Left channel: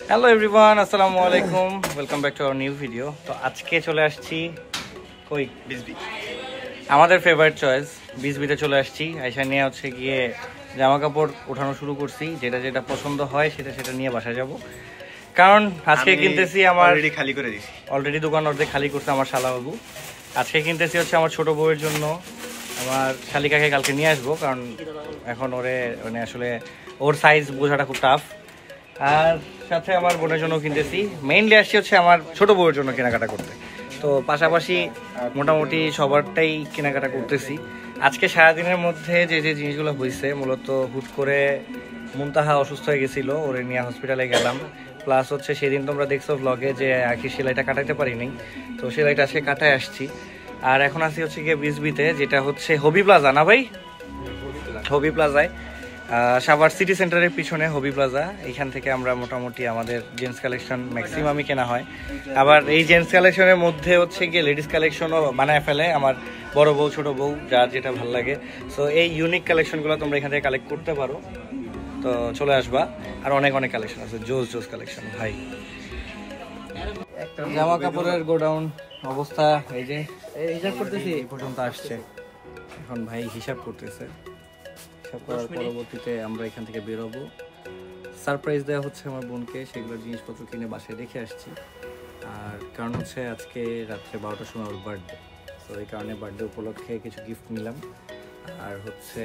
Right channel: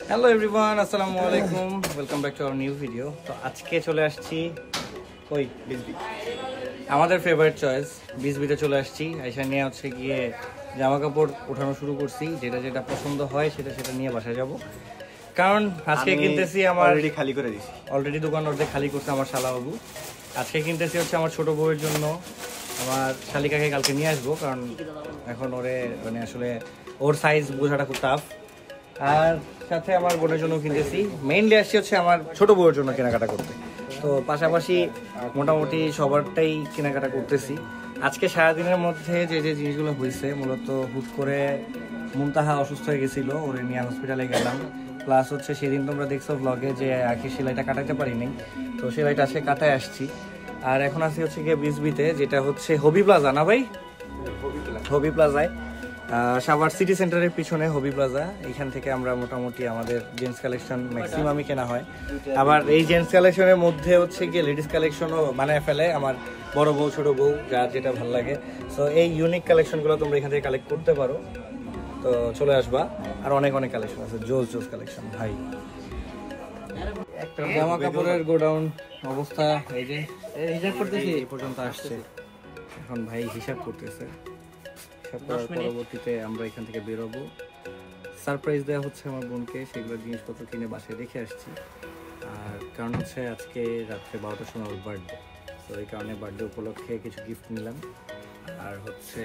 Hello everyone, আসসালামু আলাইকুম, welcome back to our new video. তো আজকে চলে আসছি কই বিসবি, আমাদের ফেভারিট চয়েস বিসবিতে চলে আসছি। আইসা নিয়ে হচ্ছে গিয়ে জামা কাপড় ওঠানো শুরু করছি, যেটা যেটা পছন্দ হয় সেটা নিয়ে বাসায় যাব। কারণ আজকে কিনতেছি আমার অলরেডি দোকান অর্ধেক খালি করছে আমার শালাবাবু। আজকে কিনতেছি হচ্ছে আমার ছোট বউয়ের জন্য, আমার শালিকাকে কালকে নিয়ে আসবো, কারণ এখন ওরে মানে আসলে ওর সাইজ বোঝাটা খুব টাফ। আর সাথে আমার বোনের জন্য কিনতেছি, মেইনলি আসছি হচ্ছে আমার ছোট বউয়ের জন্য কেনাকাটা করতে। তো পাশাপাশি মোটামুটি সবারটাই কেনাকাটা করতেছি। আজকে সারাদিনের মধ্যে যে যে জিনিসগুলো হয়েছে, মূলত হুট করে মুনতাহা অসুস্থ হয়ে গেছিলো, ওরে নিয়ে হসপিটালে গেলাম। প্লাস হচ্ছে সেদিন তোমরা দেখছো ব্লগে যে আখি সেলাইটা কাটাতে পারিনি, তো সেলাইটা আজকে কাটায় আসছি। আর এখন আসি হচ্ছে গিয়ে বিসবিতে, যেটা হচ্ছে হবি প্লাজা না ভাই, হবি প্লাজায়, সাভার সিটি সেন্টারের পিছনে হবি প্লাজা। এইখান থেকে আমরা মোটামুটি আমাদের জেন্টস কালেকশন ম্যাক্সিমামই কেনা হয়। আবার এই জেন্টস কালেকশনের মধ্যে হচ্ছে গিয়ে লেডিস কালেকশনও বানায় ফেলে আমার বড় বউ ছোট বউ, যার যেটা ভালো লাগে। সো এই ইউনিক কালেকশনগুলো তোমরা এখান থেকে কালেক্ট করতে পারো, তো চলে আসবা। আর অনেক অনেক কালেকশন আছে, জোস জোস কালেকশন ভাই। জামা কাপড়ের গোডাউন অবস্থা এই যে হিসাব করতেছি, এই পর্যন্ত আসছে। এখন ভাই হিসাব করতেছে, হিসাব করার পরবর্তীতে আমরা এখান থেকে বেরোবো। সারপ্রাইজ দেওয়া হচ্ছে আমার বোনকে, সেগুলো জিনিসপত্র কিনে বাসায় রেখে আসছি। আর কারণ হচ্ছে আজকে রাত্রে 12টার সময় ওর বার্থডে, তো এই কারণে বার্থডে উপলক্ষে কিছু গিফট নিলাম। আর হচ্ছে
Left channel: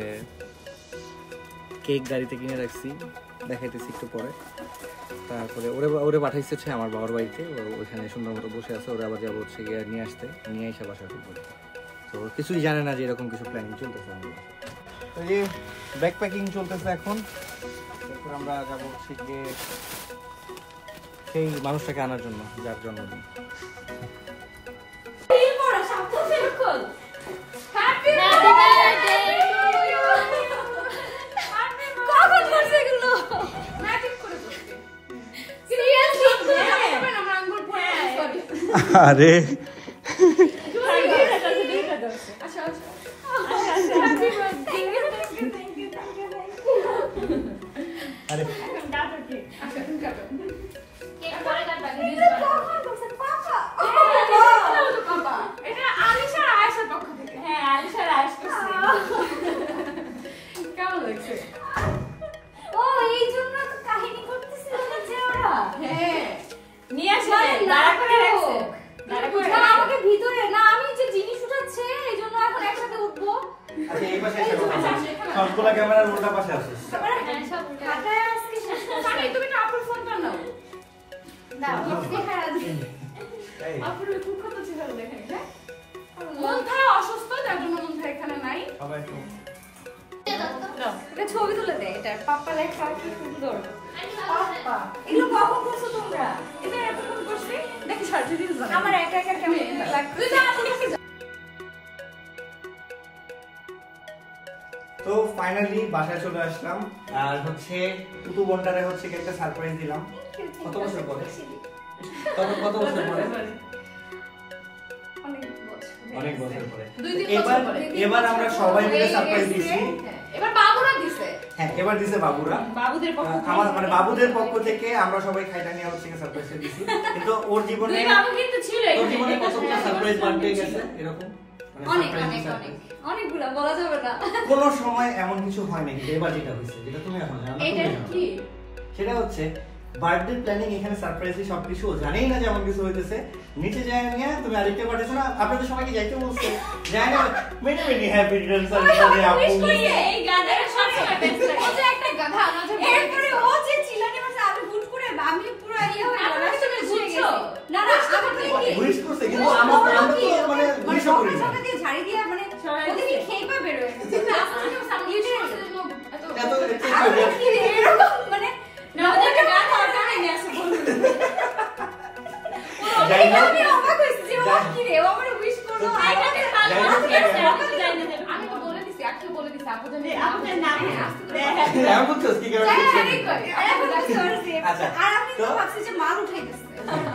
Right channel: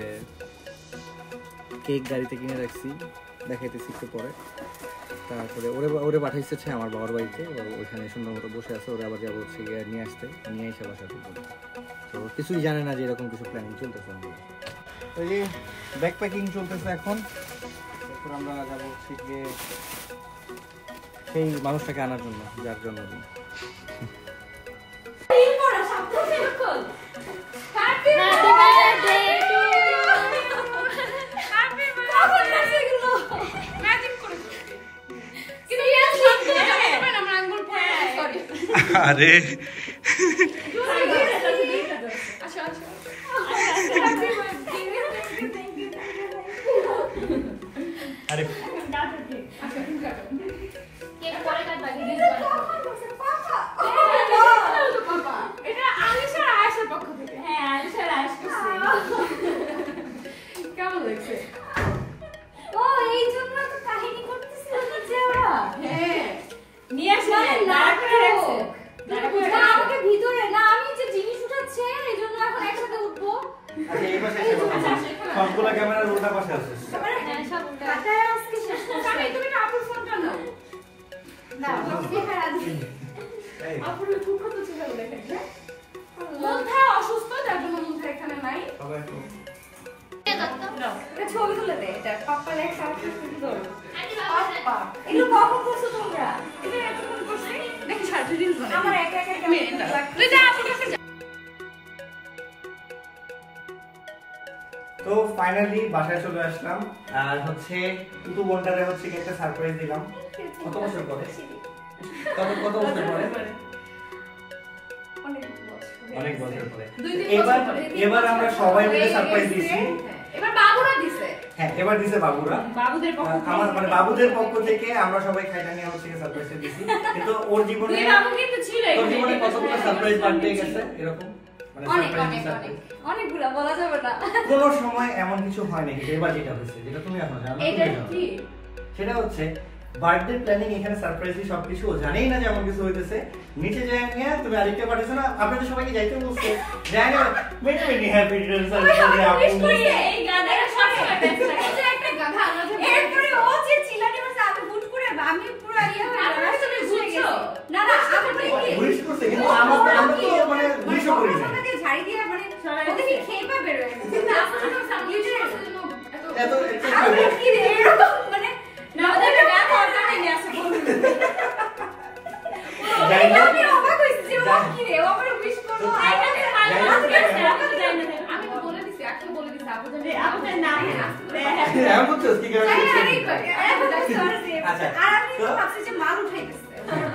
কেক গাড়িতে কিনে রাখছি, দেখাইতেছি একটু পরে। তারপরে ওরে পাঠাইছে হচ্ছে আমার বাবার বাড়িতে, ওইখানে সুন্দর মতো বসে আছে। ওরা আবার যাবো হচ্ছে গিয়ে নিয়ে আসতে, নিয়ে এসে বাসায় করবো। তো কিছুই জানে না যে এরকম কিছু প্ল্যানিং চলতেছে আমাদের বাসায়। তো যে ব্যাগ প্যাকিং চলতেছে এখন, এরপর আমরা যাবো হচ্ছে গিয়ে সেই মানুষটাকে আনার জন্য যার জন্মদিন। আরে আরে কেমন লাগছে? ও এই জন্য তো কাহিনী করতেছিল নিচে ওরা। হ্যাঁ নিয়ে আসলে দাঁড়া করে রাখছে, দাঁড়া করে আমাকে ভিতরে না, আমি যে জিনিস উঠাচ্ছে এই জন্য এখন একসাথে উঠবো। আচ্ছা এই পাশে এসে বসো, সবগুলা ক্যামেরার উল্টা পাশে আছে। সব কাটায় আজকে শেষ করছি। তুমি না আপুর ফোনটা নাও না, দেখা আছে আপুর খুব কত ছিল দেখেন। মনটা অসুস্থ, তার জন্য মনটা এখানে নাই। সবাই এটা ছবি তুলে দে, এটা পাপ্পা লেখা আছে, ছবি ধরো পাপ্পা। এগুলো কখন করছো তোমরা? এটা এখন করছি দেখি সাথে দিন আমার একা একা কেমন লাগছে। এটা আপনি একটা তো ফাইনালি বাসায় চলে আসলাম। আর হচ্ছে টুটু বোনটারে হচ্ছে একটা সারপ্রাইজ দিলাম। কত বছর পরে, কত বছর পরে? অনেক বছর পরে। এবার আমরা সবাই মিলে সারপ্রাইজ দিয়েছি। এবার বাবুরা দিছে। হ্যাঁ এবার দিছে বাবুরা, বাবুদের পক্ষ থেকে আমার মানে বাবুদের পক্ষ থেকে আমরা সবাই খাইটা নিয়ে হচ্ছে সারপ্রাইজ দিয়েছি। কিন্তু ওর জীবনে দুই বাবু কিন্তু ছিল, ওর জীবনে কতগুলো সারপ্রাইজ বার্থডে গেছে এরকম, মানে অনেক অনেক অনেক অনেকগুলো বলা যাবে না। কোনো সময় এমন কিছু হয় না, কিন্তু এবার যেটা হয়েছে, যেটা তুমি এখন জানো, এটা কি সেটা হচ্ছে বার্থডে প্ল্যানিং। এখানে সারপ্রাইজই সবকিছু, জানেই না যে এমন কিছু হইতেছে। নিচে যায় নিয়ে তুমি আরেকটা পাঠাইছো না, আপনাদের সবাইকে যাইতে বলছে, যায় না many many happy Returns of the day আপু। এই গাধাটা সব সময় বেস্ট লাগে। ও যে একটা গাধা, এরপরে ও যে চিল্লাতে বসে, আমি হুট করে আমি পুরো ইয়া হয়ে গেলাম। তুমি বুঝছো না না, আমি কি উইশ করছে, কিন্তু আমরা তো মানে উইশ করি না। আমাকে ঝাড়ি দিয়ে মানে ওদের কি খেপা বের হয়ে গেছে না, আপনারা সামলিটে এত কি রে এরকম মানে না, ওদের গাধা অর্ডার নিয়ে আসে বলুন। আমি অবাক হইছি যে ও কি রে, ও আমারে উইশ করলো। আমি তো বলে দিছি, আজকে বলে দিছি আপুদের আপনার নাম আমি বুঝছস কি করে আচ্ছা। আর আমি তো ভাবছি যে মাল উঠাইতেছে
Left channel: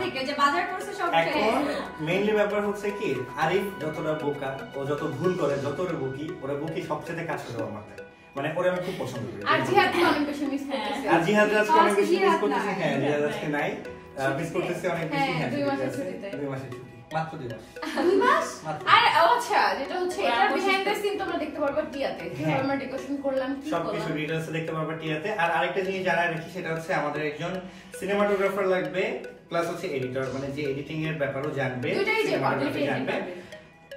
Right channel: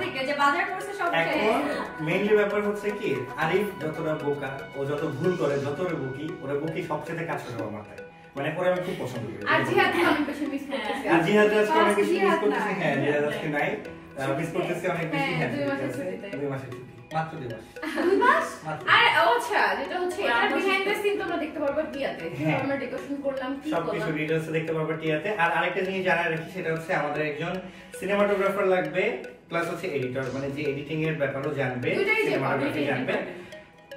থেকে, যে বাজার করছে সব উঠাই। এখন মেইনলি ব্যাপার হচ্ছে কি, আরিফ যতটা বোকা, ও যত ভুল করে, যতটা বকি, ওরা বকি সবচেয়ে কাছে দেওয়া মাথায়। মানে ওরে আমি খুব পছন্দ করি। আর জিহাদকে অনেক বেশি মিস করতেছি। আর জিহাদ আজকে অনেক বেশি মিস জিহাদ করতেছি। নাই। হ্যাঁ জিহাদ আজকে নাই, মিস করতেছি অনেক বেশি। হ্যাঁ, হ্যাঁ 2 মাসের ঠিক আছে। ছুটিতে। 2 মাসের ছুটি, মাত্র 2 মাস। 2 মাস? মাত্র। আর আচ্ছা যেটা হচ্ছে এটার বিহাইন্ড দ্য সিন তোমরা দেখতে পারবে টিয়াতে। কিভাবে আমরা ডেকোরেশন করলাম, কি সবকিছু করলাম। ডিটেইলসে দেখতে পারবে টিয়াতে। আর আরেকটা জিনিস জানাই রাখি, সেটা হচ্ছে আমাদের একজন সিনেমাটোগ্রাফার লাগবে, প্লাস হচ্ছে এডিটর, মানে যে এডিটিং এর ব্যাপারও জানবে, দুইটাই যে সিনেমাটোগ্রাফি জানবে।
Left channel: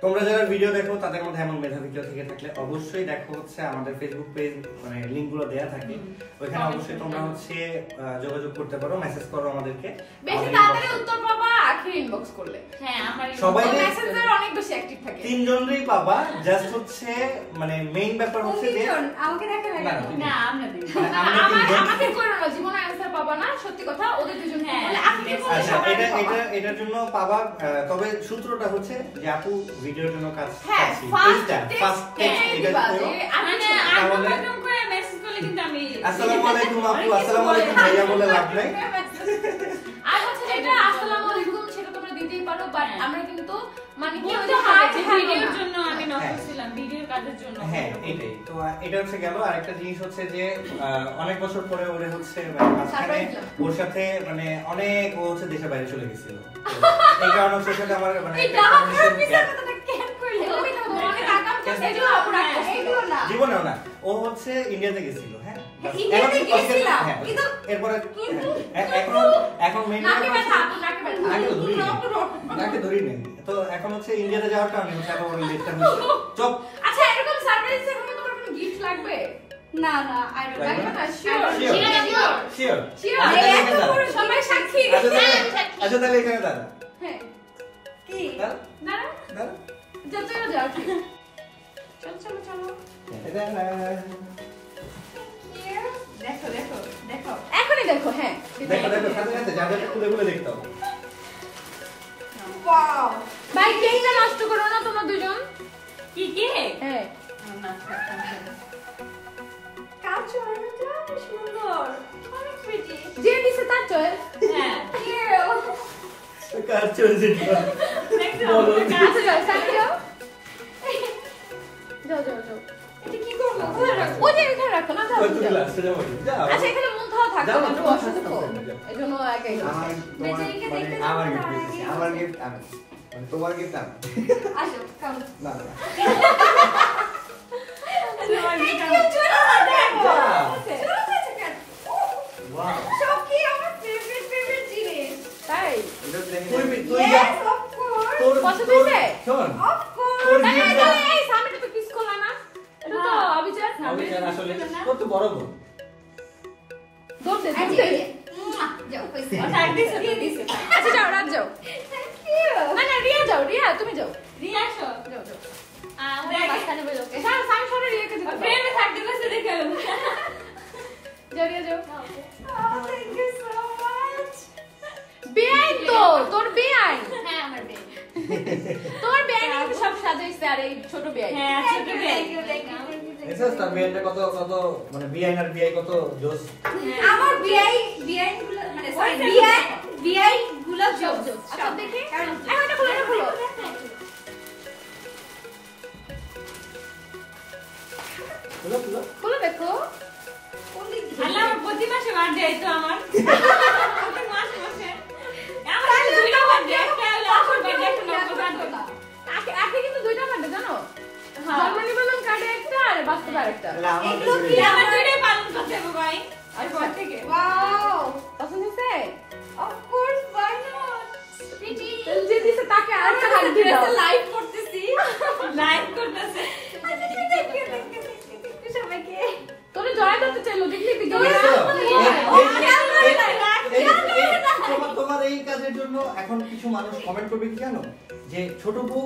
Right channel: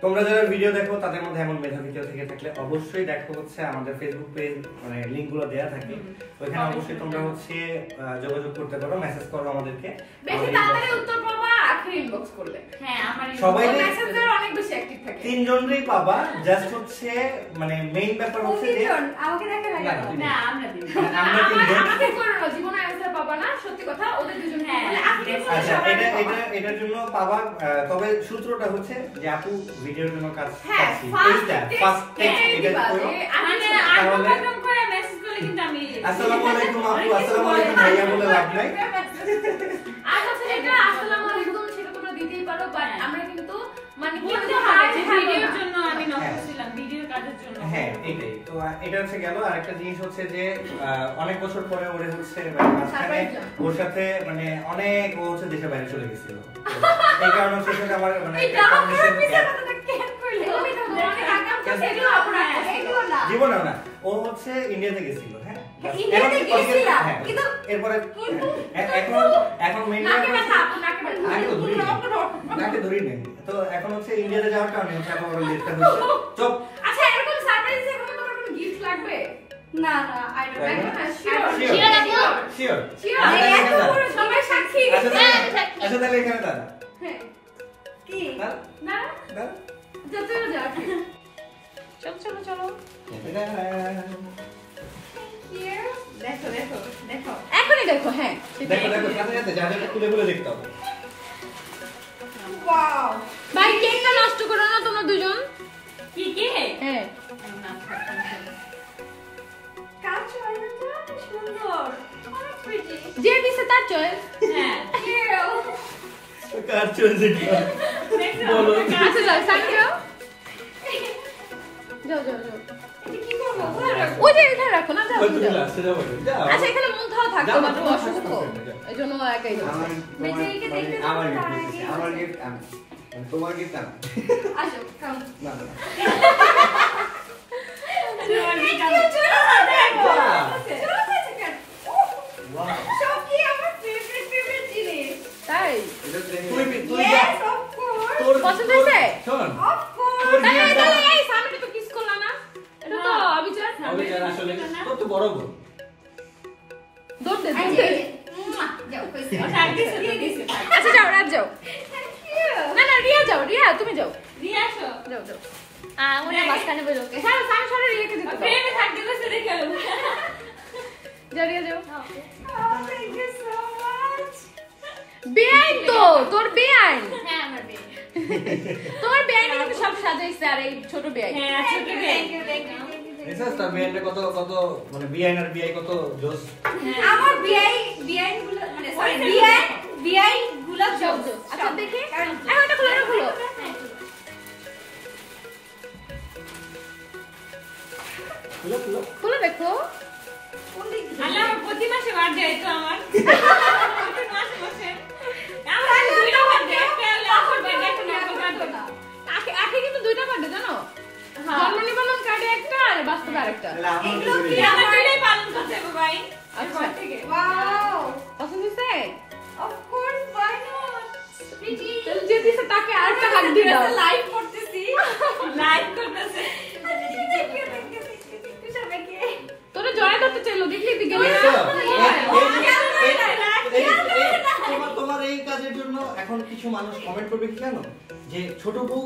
তোমরা যারা ভিডিও দেখো তাদের মধ্যে এমন মেধাবী কেউ থেকে থাকলে অবশ্যই দেখো, হচ্ছে আমাদের ফেসবুক পেজ মানে লিংকগুলো দেয়া থাকে, ওইখানে অবশ্যই তোমরা হচ্ছে যোগাযোগ করতে পারো, মেসেজ করো আমাদেরকে। বেশি তাড়াতাড়ি উত্তর পাবা আখের ইনবক্স করলে। হ্যাঁ আমার সবাই মেসেঞ্জারে অনেক বেশি অ্যাক্টিভ থাকে। 3 জনেরই পাবা, জাস্ট হচ্ছে মানে মেইন ব্যাপার হচ্ছে যে আমাকে দেখা লাগে না আমরা দিই আমরা 3 জন। আমাদের করে না জীবনে অ্যানসার পাবা না, সত্যি কথা ওদের দুজন। হ্যাঁ, আচ্ছা এটার জন্য পাবা, তবে সূত্রটা হচ্ছে যে আপু ভিডিওর জন্য কাজ করছি, এইটা ফার্স্ট টেক্সট এটা করো। আনপ্রোগ্রাম করে মেসেজ করলে কিন্তু আমি আসসালামু আলাইকুম আপু, আসসালামু আলাইকুম ভাইয়া বলে লাভ নাই। আর হচ্ছে যেটা আসসালামু আলাইকুম সেটা তোমরা দিতেই পারো, বাট আমরা কিন্তু মানে কি বলতে বলতে হয় হয় যে ভিডিওর ভিডিওর জন্য আমি নক করছিলাম, ভিডিওর কাজের জন্য। হ্যাঁ এটাই তো, এটা হচ্ছে গেল। আরেকটা জিনিস হচ্ছে যে অনেক বছর পরে ওরে হচ্ছে মানে মাঝখানে ওর সাথে মানে অনেক ও হচ্ছে দেশের বাইরে চলে গেছিল, এই কারণে হচ্ছে সেটা আমার মানে এটা আমার পিছনে তো কেন করলে তুমি তো অনেক আকাঙ্ক্ষা ছিল আপনার এইগুলো না জীবনেও না, ও হচ্ছে ইন্ডিয়াতে গেছিল। হ্যাঁ ইন্ডিয়াতে গেছিলাম কিন্তু এরপরে এখন মেইন নাকে ব্যথা নাকে ব্যথা নাকে ধরি নেই তো, এখন হচ্ছে ইন্ডিয়াতে যাওয়ার কারণে হচ্ছে আবার ওর লেটটা হচ্ছে। চুপ। আচ্ছা এরকম সারপ্রাইজ এর কোনো তোমার কোনো গিফট লাগবে? না না আই ডোন্ট লাগবে না, শিওর শিওর শিওর এত বড় সবাই সাক্ষী। আচ্ছা তাহলে এখানে দাঁড়া। হ্যাঁ কি দাঁড়া না দাঁড়া। যত যাও ঠিক চলো চলো দেখো দেখো দেখো এখনই দেখো। হ্যাঁ দেখো দেখো সাথে সাথে যা যা খুলে খুলে দেখতে হবে। ওয়াও ভাই কেকটা নষ্ট করো না তোমরা দুজন। কি কি হ্যাঁ না কার চয়েসটা সুন্দর অনেক প্রিটি, যে দিছে তার চয়েস। হ্যাঁ কার চয়েস এটা বলো। আচ্ছা যাও সাথে যাও যাও যাও যাও। এটা কি করব? কোথায় রাখবো? ওই যে এখানে রাখো না। ওই তুমি লাস্টে যাও যাও। আচ্ছা এখানে মন খাওয়া থাকবে যাও, না, যাও, অসুস্থ যাও। এইজন্য একাই যাও। আমার আমার গিফট আমার গিফট আমি মানে তোমার গিফট আমি আসো কাউন্ট না না ওয়াও সব কি আমার ফেভারিট জিনিস তাই এটা দেখে তুই Yes, of course. তোর পছন্দ হয়েছে? শোন Of course. তোর আরে, gift টা- এই সামনে তো kiss করলা না? এটা তো অবিচার। আমি জান আসলে তোর তো বড় বোন। দৌড় দে, আচ্ছা, দৌড় দে। এই যে, যাও, হয়েছে। ও থাক দিছে তো দিছে আচ্ছা, যাও, রাত যাও। না, না, রিয়া যাও, রিয়া, তুমি যাও। রিয়া আসো যাও, যাও। আমরা মাঝখানে বলো, okay? হ্যাঁ, সামনে সরে রিয়াকে যেতে দাও। প্রেমে থাকতে বসে দেখে যাও, রিয়া, যাও। Thank you so much. বেআইন তো, তোর বেআইন। হ্যাঁ, আমার baby. তোমার বেআইন কিন্তু সব সাজাইছে, আর এই ছোট বেআইন। হ্যাঁ ছোট Thank মেয়ে you, thank you, thank you, thank you. এসব তার বিআইটা কত কত মানে বিআইন আর বিআই কত জোস। আমার বিআই গুলো মানে সরি বিআই গুলো যাও, জোস যাও। আচ্ছা, দেখি। এখন এটা খুলে রাখো। খুলো খুলো। খুলে দেখো। আল্লাহ প্রতি মাসে বার্থডে তো আমার প্রতি মাসে মাসে আমার দুইটা বার্থডে একটা হলো আমার বার্থডে একটা নকল বার্থডে আখে কিন্তু দুইটা বার্থডে জানো? হ্যাঁ। জন্ম নিবন্ধন কার্ডে একটা আর বাস্তবে আরেকটা। তাহলে আমার এগুলো কি দিকে আমার দুইটাই পালন করতে হবে ভাই এরপর থেকে ওয়াও পছন্দ হয়েছে? Of course, why not? Pretty. যে দিছে তাকে আরেকটা হাত দিয়ে দাও। লাইভ করতেছি। লাইক করতেছে Thank you, thank you, thank you, thank you সবাইকে। তোরে জয় করতে চাইলো দেখলি দিকে দেখছো? না, তোমার এই কাজের জন্য এখন কিছু মানুষ কমেন্ট করবে কি জানো, যে ছোট বউ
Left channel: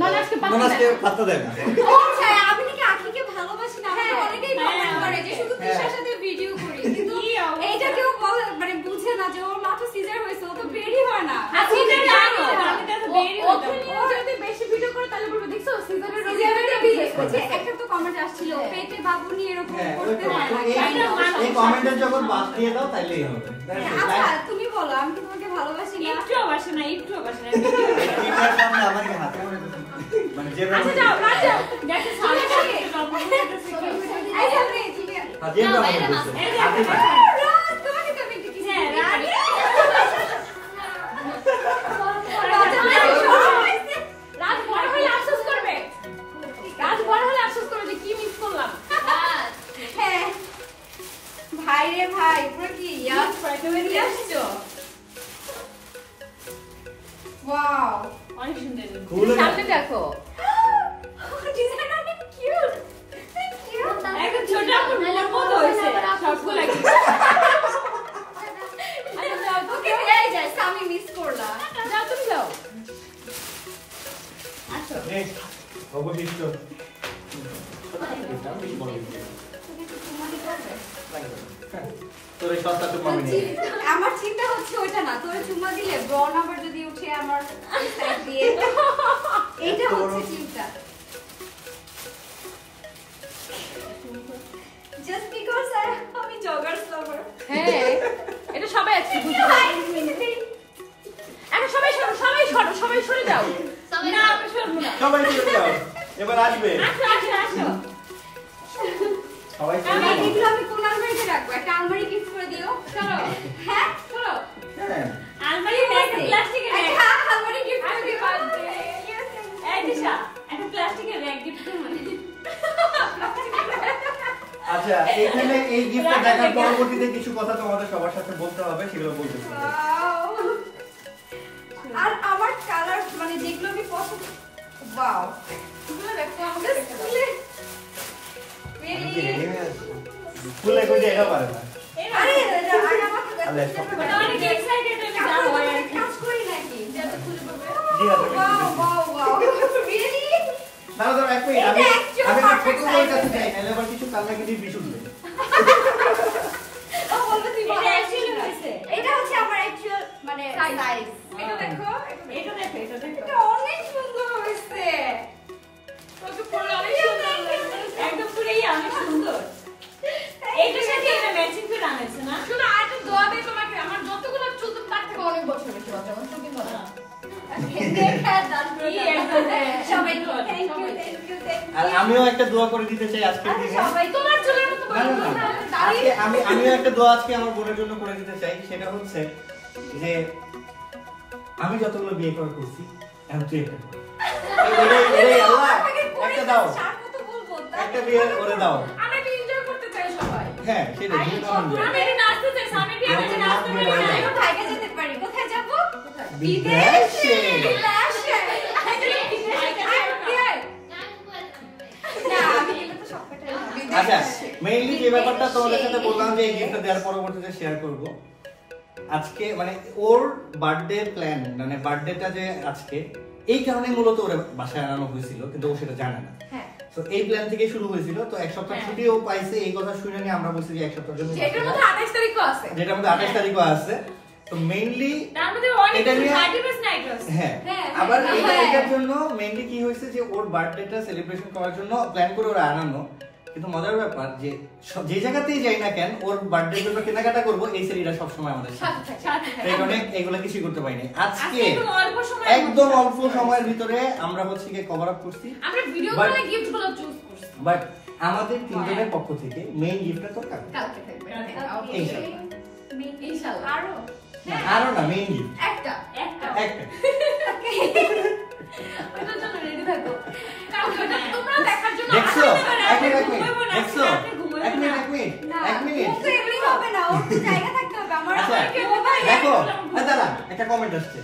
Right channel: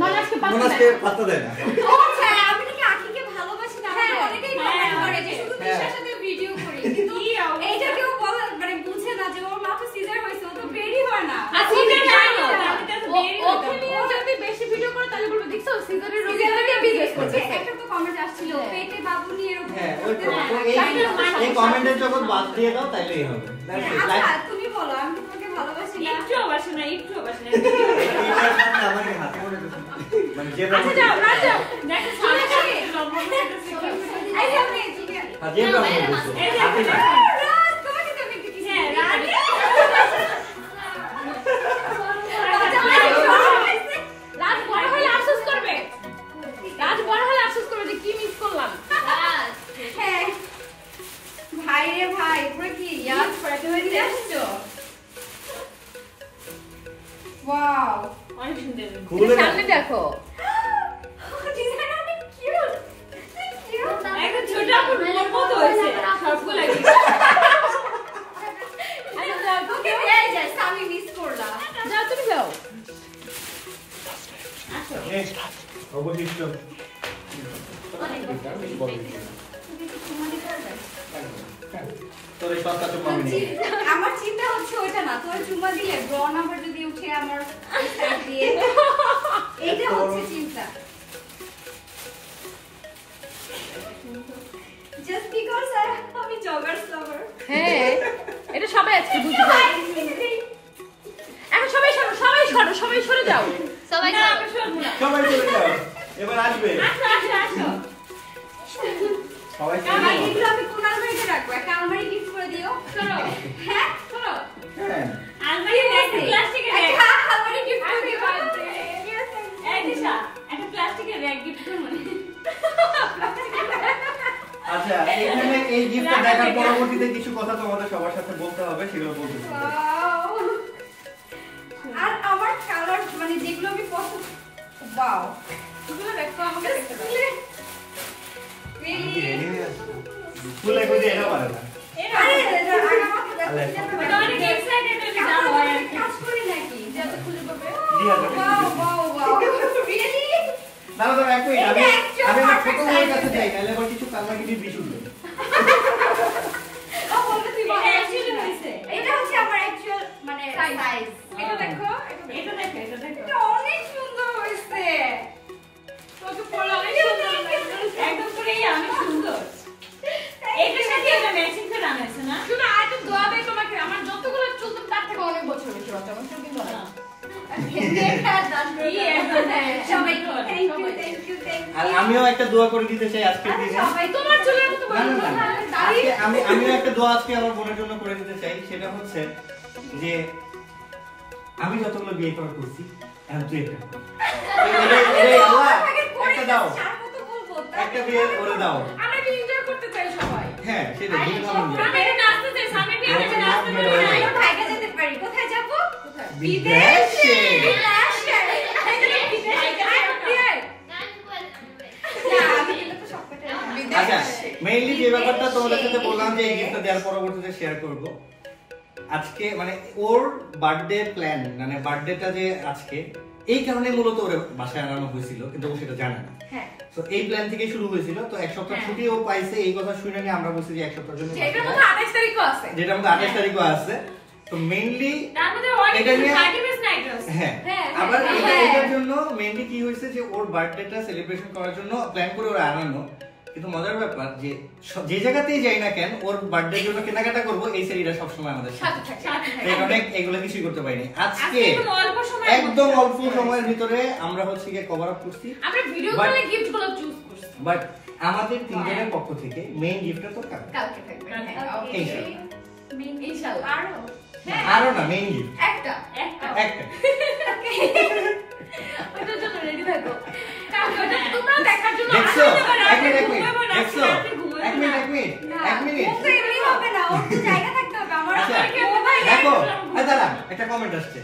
মনাসকে পাত্তা মনাসকে দেয় না। পাত্তা দেয় না। ও আচ্ছা, আমি নাকি আখিকে ভালোবাসি না। আমাকে অনেকেই কমেন্ট করে যে শুধু তিশার সাথে ভিডিও করি। কিন্তু কি অবস্থা? এইটা কেউ বলে মানে বুঝে না যে ওর মাত্র সিজার হয়েছে, ও তো বেরি হয় না। আচ্ছা আমি এটা জানি, জানো আমি তো বেরি হইতাম। ও যদি বেশি ভিডিও করে তাহলে বলবে দেখছো সিজারের রোগী সিজারকে বিয়ে করছে। একটা তো কমেন্ট আসছিল পেটে বাবু নিয়ে এরকম হ্যাঁ, করতে ওই- হয় না। এই কমেন্টের যখন বাদ দিয়ে দাও তাইলেই হবে। আচ্ছা তুমি বলো, আমি কি তোমাকে ভালোবাসি না? একটু অবশ্য না একটু অবশ্য না এটার সামনে আমাকে হাতে মনে করতে মানে যেটা আচ্ছা যাও রাত যাও দেখো সামনে জন্ম করতেছে যে না, ব্যবহার বাইরে করছে। এই যে হাতে না। রাজ, তোমাকে তো আমি একটু কিছু হ্যাঁ, দিই। রাজ। রাজ বড় হলে আফসোস করবে। রাজ বড় হলে আফসোস করবে যে কি মিস করলাম। হ্যাঁ। ভাই রে ভাই, পুরো কি ইয়াদ তুমি নিয়ে আসছো? ওয়াও। অনেক সুন্দর। খুলে না। সামনে দেখো। ডিজাইন অনেক কিউট। কিউট। একটা ছোট আপুর বোনের মতো হয়েছে সবগুলো gift। ওকে এই যে সামি মিস করলা। যাও তুমি যাও। আসো। এই, অবশিষ্ট। তোর এই সস্তা চুপ আমি নেই। আমার চিন্তা হচ্ছে ওইটা না, তোর চুম্মা দিলে ব্র নাম্বার যদি উঠে আমার সাইড দিয়ে, এইটা হচ্ছে চিন্তা। জাস্ট বিকজ আমি জগার্স লাভার। হ্যাঁ এটা সবাই আছে এখন সবাই সরো সবাই সরে যাও সবাই না, আমরা শুনবো না। সবাই চলে যাও। এবার আসবে। আসো, আসো, আসো। সবাই চলে যাও। এগুলো আমি কোন আলমারিতে রাখবো? একটা আলমারি গিফট করে দিও। সরো। হ্যাঁ চলো। হ্যাঁ। আলমারিতে একটা প্লাস্টিকের ব্যাগ। একটা আলমারি গিফট করে দিও। এই দিশা, একটা প্লাস্টিকের ব্যাগ gift করবো। আচ্ছা, এখানে এই গিফটটা দেখার পরবর্তীতে কিছু কথা তোমাদের সবার সাথে বলতে হবে, সেগুলো বলতেছি। Wow! আর আমার কালার মানে যেগুলো আমি পছন্দ ওয়াও এগুলো দেখো আমাকে দেখতে দাও ফুলে কই এটা পারে না। আরে আমাকে দেখো এটা অনেক excited হয়ে যাও আর কি। কাজ করি নাকি যাতে খুলে পাবে জি হাতে ওয়াও ওয়াও ওয়াও রিয়েলি না না এক মিনিট, আমি এটা actual আমি আমার perfect ছোট ভাইয়ের কাছে size যাই, নাহলে আবার কিছু কান্না কিছু বিশুদ্ধ। ও বলতে তুই বল এটা actually হয়েছে। এটা হচ্ছে আমার অ্যাকচুয়াল মানে সাইজ এটা দেখো এটা দেখো, এটা দেখো। এটা অনেক সুন্দর হয়েছে তোকে পড়লে অনেক সুন্দর লাগবে একদম পুরো ইয়া, অনেক সুন্দর। এইটার সাথে এটা ম্যাচিং করে আনাইছে না? শুনো আর একটু দোয়া দেই তোমাকে আমার যতগুলো চুল তো তার থেকে অনেক বছর বেশি হচ্ছে আমার চুল কিন্তু না সবাই থ্যাংক ইউ আর আমিও একটা দোয়া করে দিতে চাই আজকের দিনে। সবাই তোমার চুলের মতো না, না, না, না। আমিও একটা দোয়া আজকে আমার বোনের জন্য করে দিতে চাই, সেটা হচ্ছে যে আমি যতগুলো বিয়ে করা করছি এখন তুই একটা কর। এই আল্লাহ, একটা দাও, একটা বিয়ে করে দাও। আমরা কি এনজয় করতে চাই সবাই হ্যাঁ সেটা দিয়ে দাও। আমি এটা নাচতে চাই, সামনে দিয়ে আমি এটা নাচতে চাই। ভাইকে যেতে পারি কোথায় যাব বিদেশে। বিদেশে না আমি গেলে তো সব পেটে আচ্ছা, মেইনলি যে ব্যাপারটা তোমাদের সাথে বললাম যে এই গিফটটা দেওয়ার পরবর্তীতে শেয়ার করব। আজকে মানে ওর বার্থডে প্ল্যান, মানে বার্থডেটা যে আজকে, এই কারণে মূলত ওর বাসায় আনানো হয়েছিল, কিন্তু ও সেটা জানে না। হ্যাঁ তো এই প্ল্যান থেকে শুরু হয়েছিল। তো এক সপ্তাহ ছুটি ও পাইছে, এই কথা শুনে নিয়ে আমরা বলছি যে এক সপ্তাহের জন্য, যেটার মধ্যে 28 তারিখও আছে যেটা আমাদের 28 তারিখও আছে। তো মেইনলি তার মধ্যে অনেক এটা নিয়ে- 30 নাইট আছে। হ্যাঁ হ্যাঁ, আবার হ্যাঁ। এটার জন্য মেইনলি কি হয়েছে যে ওর বার্থডেটা সেলিব্রেশন করার জন্য প্ল্যান করে ওরা আনানো। কিন্তু মজার ব্যাপার যে যে জায়গাতেই যাই না কেন, ওর বার্থডে জন্য কেনাকাটা করবো, এই সেরিটা সবসময় আমাদের সাথে। সাথে থাকে সাথে তো থাকে। এই কারণে এগুলো কিছুই করতে পারিনি আজকে। একদম অল্প সময়ের একদম মধ্যে অল্প সময়ের ভিতরে আমরা হচ্ছে গিয়ে কভার আপ করছি। আমরা ভিডিও But- করে গিফট গুলো চুজ করছি বাট আমাদের তিনজনের পক্ষ থেকে মেইন গিফটটা তো কাল, কালকে থাকবে Okay. ইনশাআল্লাহ। ইনশাআল্লাহ আরো আরো না, মেইন গিফট একটা একটা। একটা। ওটার জন্য রেডি থাকো কারণ ওটা তোমরা দেখার জন্য দেখছো? এক মিনিট, এক মিনিট, ঘুমাবো না, দেখছো? রাতে ঘুমাবো এক মিনিট, না। এক মিনিট, না এক মিনিট। ও তো এমনি হবে না ওর তো জায়গা থাকতে হবে আমার আচ্ছা, মোবাইল দেখো, দাঁড়া, একটা কমেন্ট আসছে।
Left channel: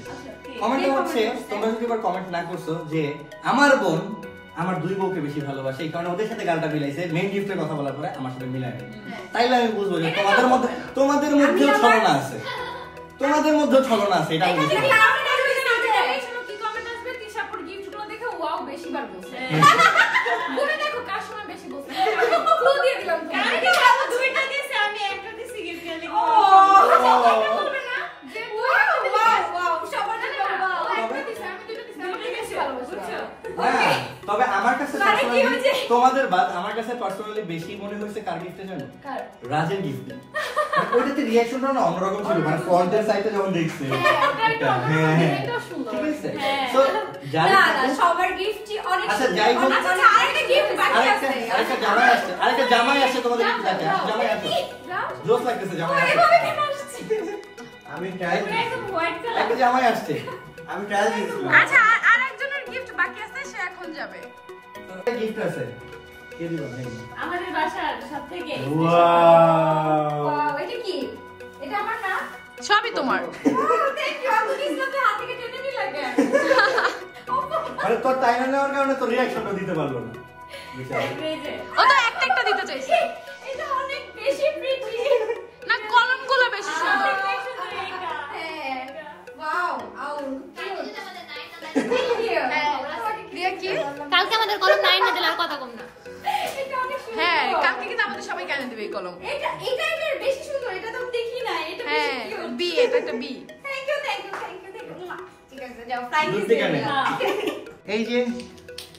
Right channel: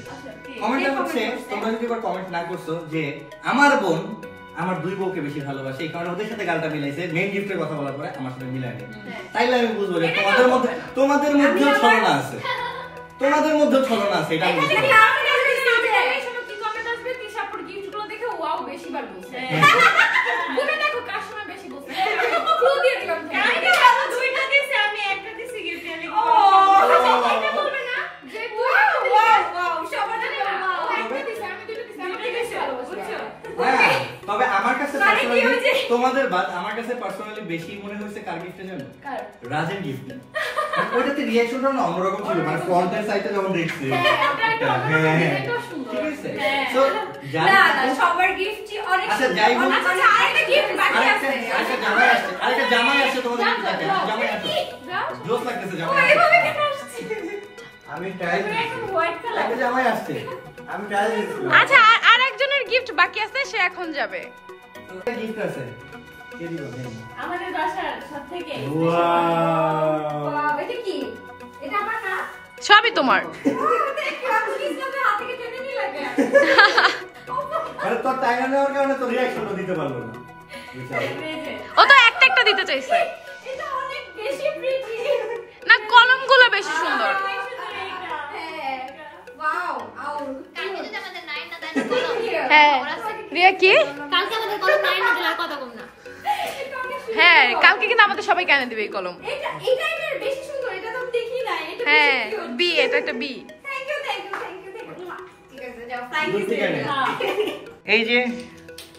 কমেন্টটা কে হচ্ছে, comment করছে? তোমরা যদি এবার কমেন্ট না করছো যে আমার বোন আমার দুই বউকে বেশি ভালোবাসে, এই কারণে ওদের সাথে গালটা মিলাইছে, মেইন গিফটের কথা বলার পরে আমার সাথে মিলায়নি। তাইলে আমি বুঝবো যে তোমাদের মধ্যে ছলনা আছে, তোমাদের মধ্যে ছলনা আছে, এটা আমি বুঝতে পারি। এই সময় কি কমেন্ট আসবে তিশাপুর গিফট গুলো দেখে ওয়াও বেশি বার বলছে গুনে দেখো কার সময় বেশি বলছে ক্লু দিয়ে দিলাম আমি তো ভালো দুইটা দিছি, আমি একটা দিছি gift এর জন্য। এটা বলবে না যে ওয়াও ওয়াও ওয়াও সবার জন্য ও একটা দিছে আমি দুটো দিছি আমি বেশি ভালোবাসি বুঝছো হ্যাঁ, তবে আমার কাছে মানে কি personally, হয়েছে? তোমাদের বাদ আমার কাছে পার্সোনালি বেশি মনে হয়েছে কার গিফটে জানো? কার রাজের গিফট। ওইটাতে রিঅ্যাকশনটা না অন্যরকম ছিল, মানে ফ্রন্টের সাইডে যখন দেখছি। এটাও সুন্দর। ঠিক আছে। হ্যাঁ। সো যাই না না সবার গিফটই অনেক আচ্ছা, যাই হোক। আচ্ছা আরেকটা গিফট বাকি আছে। আরেকটা জামাই আসছে তোমাদের কি লাগে? জামাই আসছে। জোস লাগতেছে জামাই আসছে। এভাবে কেন আসছে? আমি ট্রায়াল একদম হোয়াইট কালার। একটা জামাই আসছে। আমি ট্রায়াল দিয়েছিলাম। আচ্ছা আর একজনের গিফট বাকি আছে, সে এখন যাবে। গিফট আছে। কে দিল? আমাদের বাসার সবথেকে ওয়াও। ওয়াও, এটা কি? এটা আমার না? সবই তোমার। Thank you. আপনি ইসলামে হাত থেকে টেনে নিলেন কেন? আরে তোর টাইম নেওয়ার কারণে তো রিঅ্যাকশনটা দিতে পারলো না। ও তো একটা একটা দিতে চাইছে। এটা অনেক বেশি প্রিটি। না কলমগুলো বেশি সুন্দর। হ্যাঁ। ওয়াও, আউ। হ্যাঁ রিয়া কি? কালকে আমাদের কলম 9 না দিলে আর কথা কম না। হ্যাঁ কালকে কিন্তু আমাদের সবাই কেন দিবে এই কলম। এটা এর বেশি সুন্দর। এটা তো দেখি না। এটা হ্যাঁ বেশি কিউট। বি, এটা একটা bee. Thank you, thank you, thank you, thank you. ঠিক আছে, যাও ফ্লাইং বুঝতে কিস পারলে। এই যে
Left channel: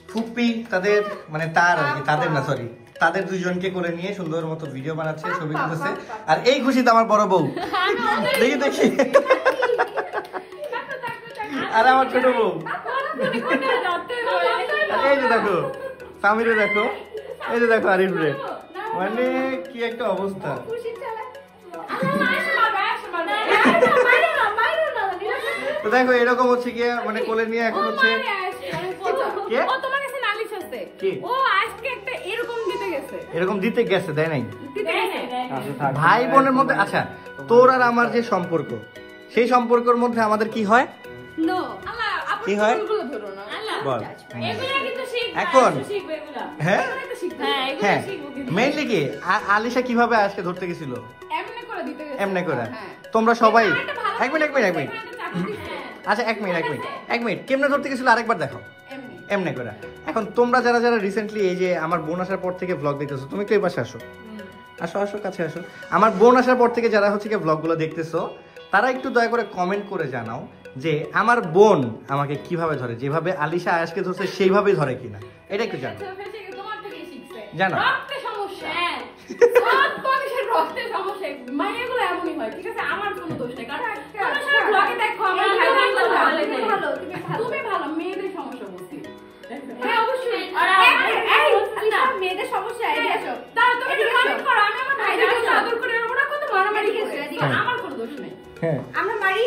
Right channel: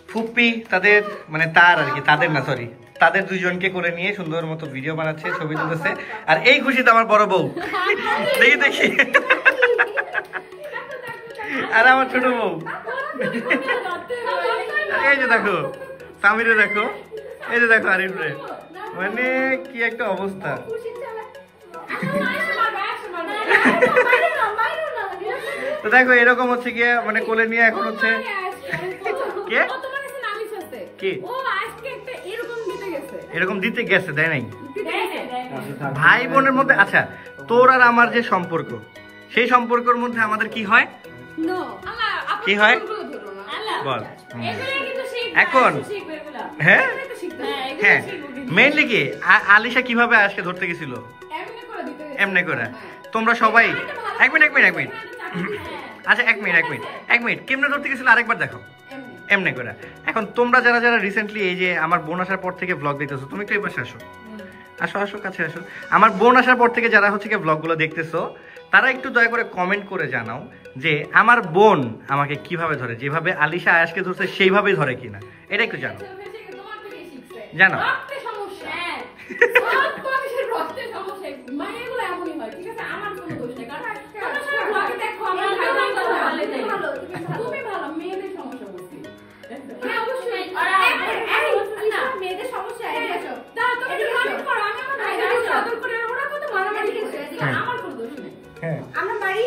ফুপ্পি তাদের মানে তার আর কি, তাদের না সরি, তাদের দুইজনকে করে নিয়ে সুন্দর মতো ভিডিও বানাচ্ছে, ছবি তুলতেছে। আর এই খুশিতে আমার বড় বউ, দেখি দেখি, আর আমার ছোট বউ, এই যে দেখো সামিরে দেখো, এই যে দেখো আরিফ রে, মানে কি একটা অবস্থা। তো দেখো এরকম হচ্ছে গিয়ে মানে কোলে নিয়ে এখন হচ্ছে কে? ও তোমার কাছে নালিশ আছে। কি? ও আজকে একটা এরকম দিতে গেছে। এরকম দিতে গেছে, দেয় নাই? দিতে গেছে। ভাই বোনের মধ্যে, আচ্ছা তোর আর আমার যে সম্পর্ক, সেই সম্পর্কের মধ্যে আমাদের কি হয়? নো কি হয় বল। এখন হ্যাঁ হ্যাঁ মেইনলি কি আলিশা কিভাবে আজকে ধরতে গেছিল? এমনি করে দিতে গেছে। এমনি করে হ্যাঁ। তোমরা সবাই এক মিনিট চাকরি আচ্ছা এক মিনিট কেমনে ধরতে গেছিল আরেকবার দেখো। এমনি। এমনি করে। এখন তোমরা যারা যারা রিসেন্টলি এই যে আমার বোন আসার পর থেকে ব্লগ দেখতেছো, তুমি একটু এই পাশে আসো, আসো আসো কাছে আসো। আমার বোন আসার পর থেকে যারা হচ্ছে গিয়ে ব্লগগুলো দেখতেছো, তারা একটু দয়া করে কমেন্ট করে জানাও যে আমার বোন আমাকে কিভাবে ধরে, যেভাবে আলিশা আয়াসকে ধরছে সেইভাবেই ধরে কিনা, এটা একটু জানো। তোমার থেকেই শিখছে। জানো। রক্তে সমস্যা। সব মানুষের রক্তে সমস্যা। মায়েরগুলো এমনই হয়, ঠিক আছে? আমার কোনো দোষ নেই। কারণ তোমরা সবাই ব্লগে দেখো আমার ভাই বোন তো ভালো। তুমি ভালো, তুমি ভালো। মেয়েদের সমস্যা বুঝছি। হ্যাঁ অবশ্যই। মেয়েদের সমস্যা এদিকে আসো। দাও তুমি একটু কমেন্ট করো, আমি আমার ভাইদেরকে আদর করে, ওরা কত মারামারি করছে, হ্যাঁ। আমার কোনো দোষ নেই। আমরা মারি?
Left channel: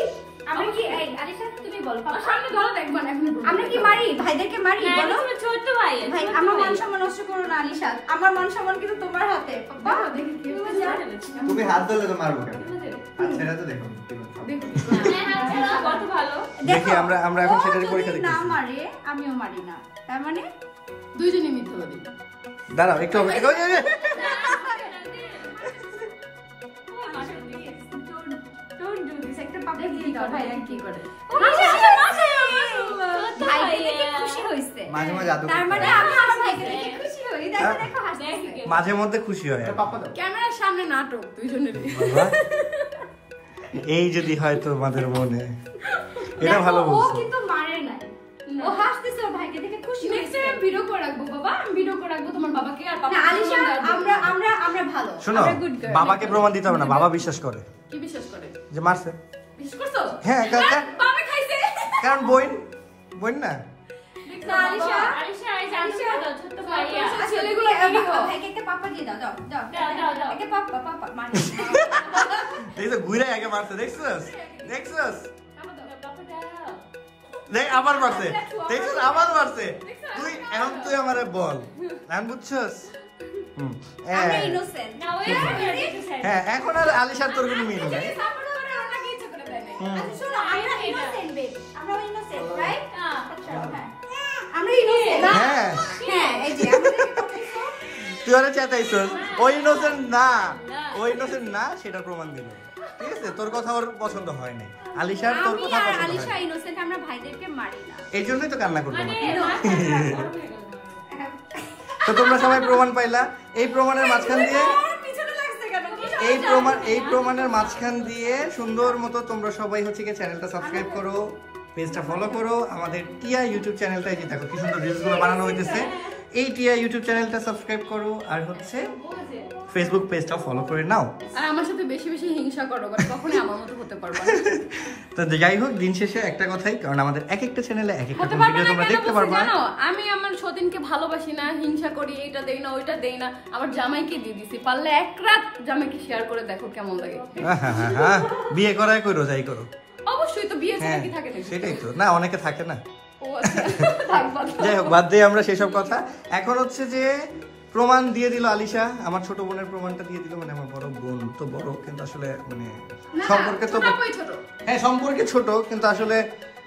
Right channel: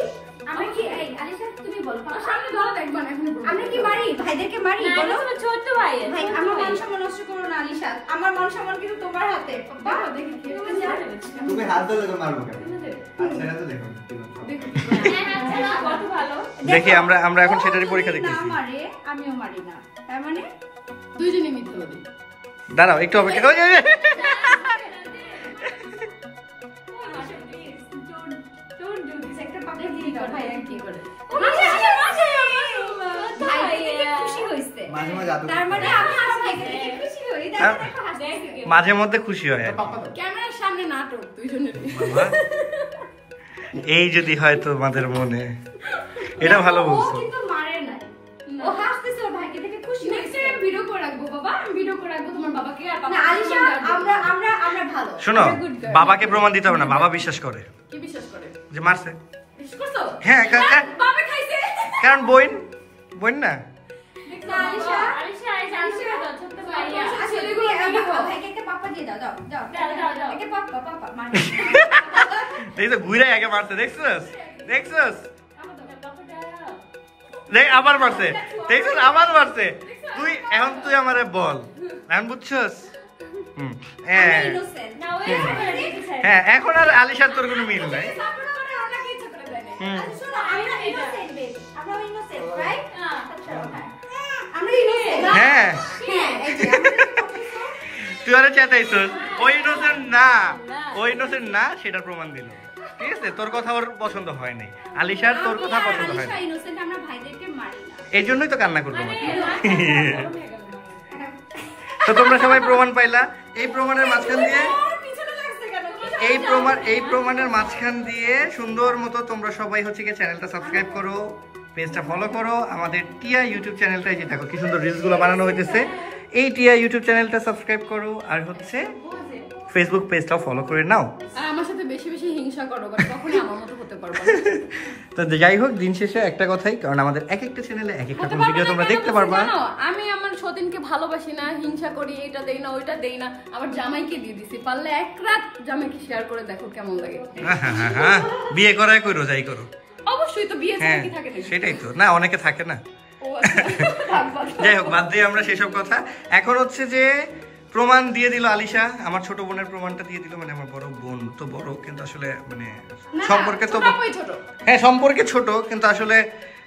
আমরা কি এই আলিশা তুমি বলো। আমার সামনে ধরো দেখবা না এখন। আমরা কি মারি? ভাইদেরকে মারি বলো। ছোট ভাই ভাই আমার মান সম্মান নষ্ট করো না আলিশা। আমার মান সম্মান কিন্তু তোমার হাতে। বাবা দেখি কি তুমি যাও। তুমি হাত ধরলে তো মারবো কেন? আচ্ছা এটা তো দেখো। কত ভালো। দেখি আমরা এখন ও সেটারই যদি পরীক্ষা না দেখতেছি। মারে আমিও মারি না, তার মানে দুইজনই মিথ্যাবাদী। দাঁড়াও একটু অপেক্ষা করো। don't do this. একটা পাপা দিয়ে দাও ভাই কি করে। মাশাআল্লাহ। ভাই দেখে খুশি হইছে। মাঝে মাঝে আদর তার মানে করতে আমি আমার ভাইকে দেখে খুশি হই। দেখো দেখো হাসতেছে। মাঝে মধ্যে খুশি হয় আর কি। ক্যামেরার সামনে নাটক দুইজনেরই। এই যদি হয় তোমাদের মনে, এটা ভালো ও বলছো। কিন্তু মারে নাই। ও হাসতেছে ওর ভাইকে দেখে খুশি নেক্সট হইছে। টাইম ভিডিও করে রাখবো বাবা, আমি ভিডিও করে রাখবো তোমার বাবাকে আর না পাপাকে। আলিশা আমরা ভালো। শোনো আমরা good girl। বাবাকে প্রমাণ দিতে হবে না, বাবা বিশ্বাস করে কি বিশ্বাস করে? যে মারছে। বিশ্বাস করছো? হ্যাঁ বাবা খাইছে। কারণ বোন না। না আলিশা আলিশা ছোট ভাইয়া। ছেলেগুলো ভাইকে একটা পাপা দিয়ে দাও দাও দাও দাও। একটা পাপা মানে দেখছো ঘুরে আগে মারছে, দেখছস দেখ আবার মারছে, দেখছস আবার মারছে। তুই আমারে বল, এখন বুঝছস? আমরা ইনোসেন্ট। না ওই হ্যাঁ এখন আর আলিশার তোর কোনো মিল নাই। সাপোর্ট করে ওনাকে ইচ্ছা করে দেয় না। হুম। আচ্ছা শোনো আমরা ইনোসেন্ট বেবি। আমরা ইনোসেন্ট রাইট? হ্যাঁ। আচ্ছা হ্যাঁ। আমরা ইনোসেন্ট। হ্যাঁ হ্যাঁ এই যে আমাদের তুই আরে চেতাইছস, ওই ইনোসেন্ট না সেটার প্রমাণ দিল। ঠিক আছে, তোর কথা ওর পছন্দ হয় নাই, আলিশার তোর কথা পছন্দ হয় আলিশা না, ইনোসেন্ট, আমরা ভাইদেরকে মারি না। এই জন্যই তো কান্না করবো না। তো তোমরা সবাই প্রমাণ পাইলা। এই প্রমাণের মাঝখান দিয়ে ওর পিছনে লাগছে কেন? কি এই প্রমাণের মাঝখান দিয়ে সুন্দর মতো তোমরা সবাই হচ্ছে কি চ্যানেলটা সাবস্ক্রাইব করো, পেজটা ফলো করো, আমাদের টিয়া ইউটিউব চ্যানেলটাই যে দেখো কি সুন্দর রিলস গুলো বানানো হইতেছে, এই টিয়া ইউটিউব চ্যানেলটা সাবস্ক্রাইব করো, আর হচ্ছে ফেসবুক পেজটাও ফলো করে নাও। আর আমার সাথে বেশি বেশি হিংসা করো, বাট কখনোই আমার মতো হতে পারবে না। তো যাই হোক, দিন শেষে একটা কথাই, কারণ আমাদের এক একটা চ্যানেলে এক একটা ভিডিও তোমরা দেখতে পারবা। জানো আমি আমার সতীনকে ভালোবাসি না, হিংসা করি, এটা দেই না ওইটা দেই না, আবার জামাইকে দিয়ে দিছি। পারলে এক রাত জামাইকে শেয়ার করে দেখো কেমন লাগে। হ্যাঁ, বিয়ে করাই করো, যাই করো। অবশ্যই তো বিয়ে ছাড়া হ্যাঁ কি থাকে নাকি? সেটাই তো, না অনেকে থাকে না। ও আচ্ছা, থাক বাদ দাও। যাই হোক, বাদ দিয়ে আমরা সেসব কথা। এখন হচ্ছে যে প্রমাণ দিয়ে দিল আলিশা, আমার ছোট বোনের প্রমাণটা দিয়ে দিল। মানে আমার বড় বোন তো বড়, কিন্তু আসলে মানে সম্পর্কে তো সবাই ছোট। হ্যাঁ সম্পর্কে ছোট, কিন্তু আসলে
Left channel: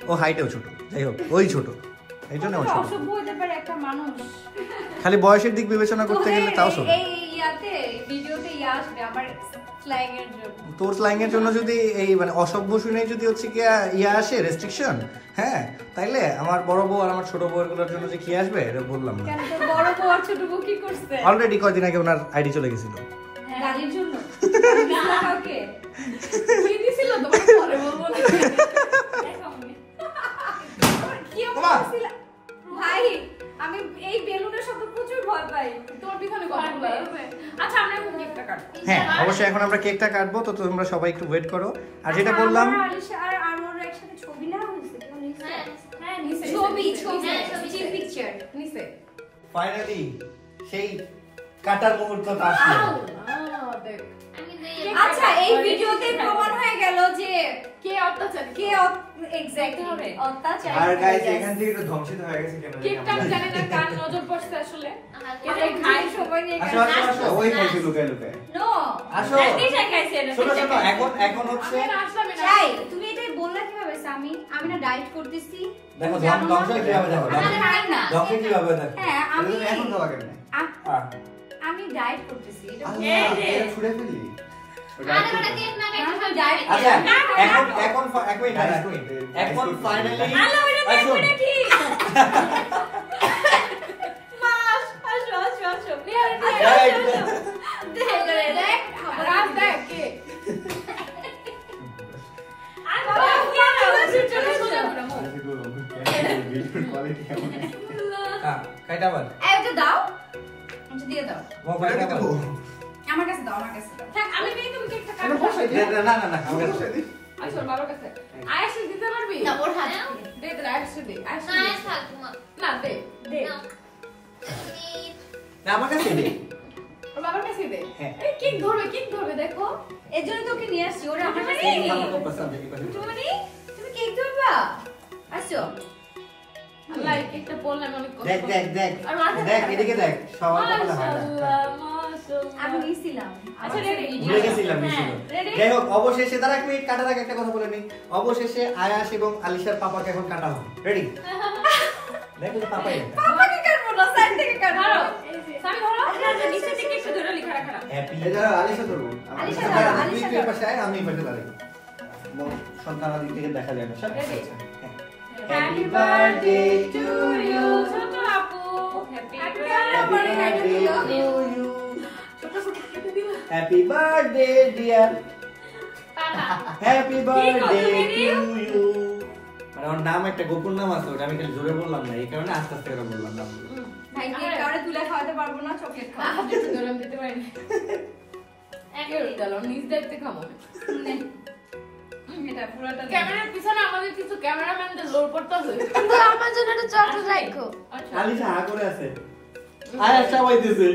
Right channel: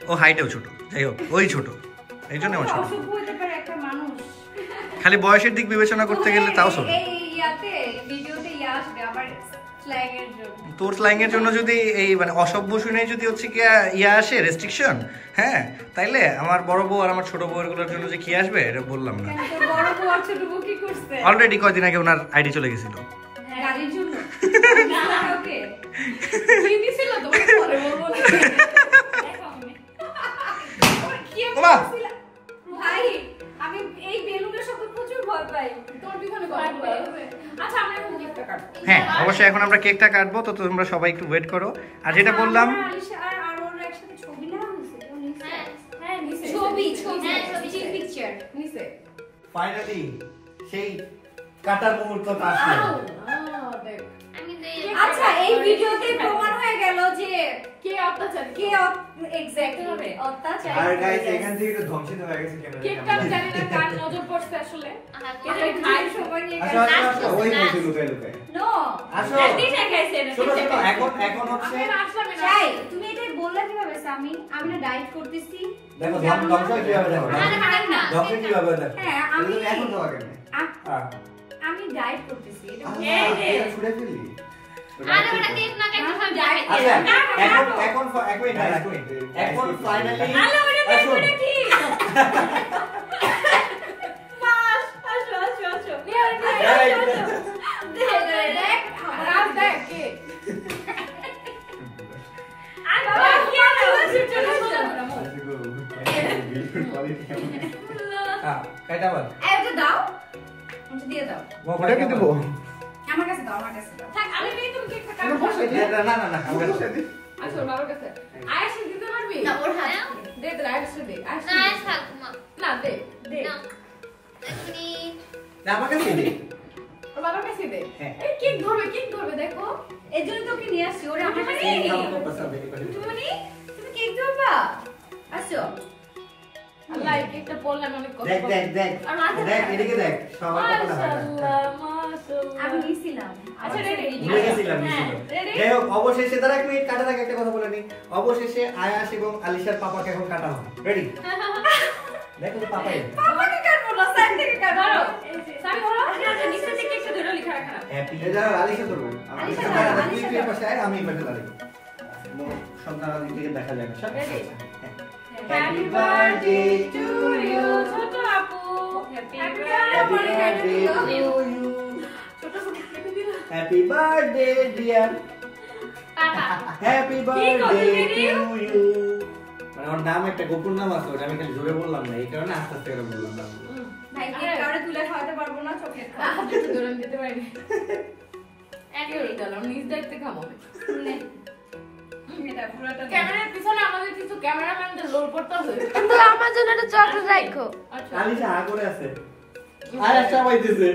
ও হাইটেও ছোট। যাই হোক, ওই ছোট, এই জন্য আমার ছোট। অসভ্য হতে পারে একটা মানুষ। খালি বয়সের দিক বিবেচনা করতে গেলে তাও ছোট। এই ইয়াতে ভিডিওতে আসবে আবার স্ল্যাং এর জন্য। তোর স্ল্যাং এর জন্য যদি এই মানে অসভ্য শুনে যদি হচ্ছে কি আসে রেস্ট্রিকশন, হ্যাঁ তাইলে আমার বড় বউ আর আমার ছোট বউয়ের গুলোর জন্য যে কি আসবে এটা বললাম না। কেন তোর বড় বউ আর ছোট বউ কি করছে? অলরেডি কয়দিন আগে ওনার আইডি চলে গেছিল। গাড়ির জন্য। ওকে। কি দিছিল তোমাকে পরে বলবো না। কি ওমা! বলছিলা? ভাই আমি এই বেলুনের শব্দ প্রচুর ভয় পাই। তোমার পিছনে কথা বলা হবে। আচ্ছা আমরা এখন গিফটটা কাটবো। হ্যাঁ অবশ্যই, এখন আমরা কেকটা কাটবো, তো তোমরা সবাই একটু ওয়েট করো। আর যেটা বললাম, আমার আলিশা আর ওর একসাথে ছবি নেওয়া হয়েছে। কেউ নিছে? হ্যাঁ নিচে ছবি চিল পিকচার। নিচে। ফাইনালি সেই কাটার মুহূর্তটা আসলো। দেখ আচ্ছা এই ভিডিওতে প্রমাণ হয়ে গেল যে কে অত্যাচার কে এক্স্যাক্টলি অত্যাচার। আর গাইস এখান থেকে একটু ধ্বংসিত হয়ে গেছে ক্যামেরা। কেকটা আমি জানি না কার নজর পড়ছে আসলে। এটা খাই সবাই নিয়ে আসো আসো আসো, ওই খাইছে লুকায় লুকায়। নো আসো দিশা খাইছে না শোনো শোনো, এখন হচ্ছে আমি আসলাম না। চাই তুমি এটা বললা কিভাবে সামি? আমি না ডায়েট করতেছি। দেখো ধ্বংস কিভাবে দেখো, আমি খাই না। ধ্বংস কিভাবে দেখো। হ্যাঁ আমি তুমি এখন খাওয়া কেন? আমি ডায়েট করতেছি। এটা এটা ছুড়ে ফেললি। আরে ওটা কেক না কেক আমি ডায়েট আচ্ছা এখন এক মিনিট এখন ফাইনালি আলো ওটা দেখো না কি মাস আসো আসো আসো দেখ রাত দেখ কে আর বাবা কি আলো চলো চলো কোয়ালিটি কেমন? হ্যাঁ কাইটা বল এটা দাও। এটা দিয়ে দাও। মোবাইল কেমন দেবো? আমার কাছে দাও, আমার কাছে দাও। থাক আমি নেই তুমি কেকটা কেন কাটো। বসে দে? না না না আমরা বসে দিই। আসো বাবার কাছে। আয়েশ দিতে পারবি? না ওর হাতে দে দে আয়েশ দে। আয়েশ না থাক না দে দে। না আমার কাছে দে। ওর বাবার কাছে দে। হ্যাঁ। এই কেক ধরবে দেখো। এর জন্য তোকে নিয়ে আসছি। ওরে আমার কাছে এই নেই। নাও তো পছন্দ করে। তুমি কেক ধরবা? আসো। আল্লাহ এই কেকটা পড়লাম অনেক কষ্ট। দেখ দেখ দেখ আর মাথা দেখ এদিকে দেখ সবার কপালে হয় না। মাশাআল্লাহ মাশাআল্লাহ। আমি নিছিলাম। আচ্ছা রেডি ভুলে গেছিলাম নিছিল। ready? যাই হোক অবশেষে দাঁড়া এক মিনিট কাটার আগে একটা কথা বলে নি। অবশেষে আয়াস এবং আলিশার পাপাকে এখন কাটা হবে। রেডি? দেখো তো পাপাই। পাপাকে কাটবো না, সাইড থেকে ধরো। কাটবো। সামি ধরো। আচ্ছা নিচে থেকে একটু ধরে লিখা রাখা। হ্যাপি এটা আলিশা করবো। আলিশা আলিশা দাঁড়া, দাঁড়া, তুই আলিশা কি দাঁড়া। পাশে আয় আমি এই পাশে দাঁড়াই। মোর সন্তান আদি থেকে দেখা যায় না সব। Ready? Happy birthday to you ছোট আপু। Happy Happy birthday to you. ছোট ছোট কেটে দিলা। Happy birthday dear happy birthday to you. মানে ওর নাম একটা গোপন নাম আছে, ওটা আমি খালি জোরে বললাম না, এই কারণে আস্তে আস্তে করে বললাম না। ভাই কেক কাউরে তুলে খাওয়াতে পারবো না, চকলেট খাওয়া। আপনি তো ধরে দিতে পারেন। একে দিলাম নিজ দায়িত্বে খাবো। এটা পুরোটা দে। ক্যামেরার পিছনে আমাদের কিছু ক্যামেরাম্যানদের লোড করতে হবে। আমার জন্য একটা চকলেট রাখো। আচ্ছা আলিশা হা করে আছে। আয়াস সবাই দিছে।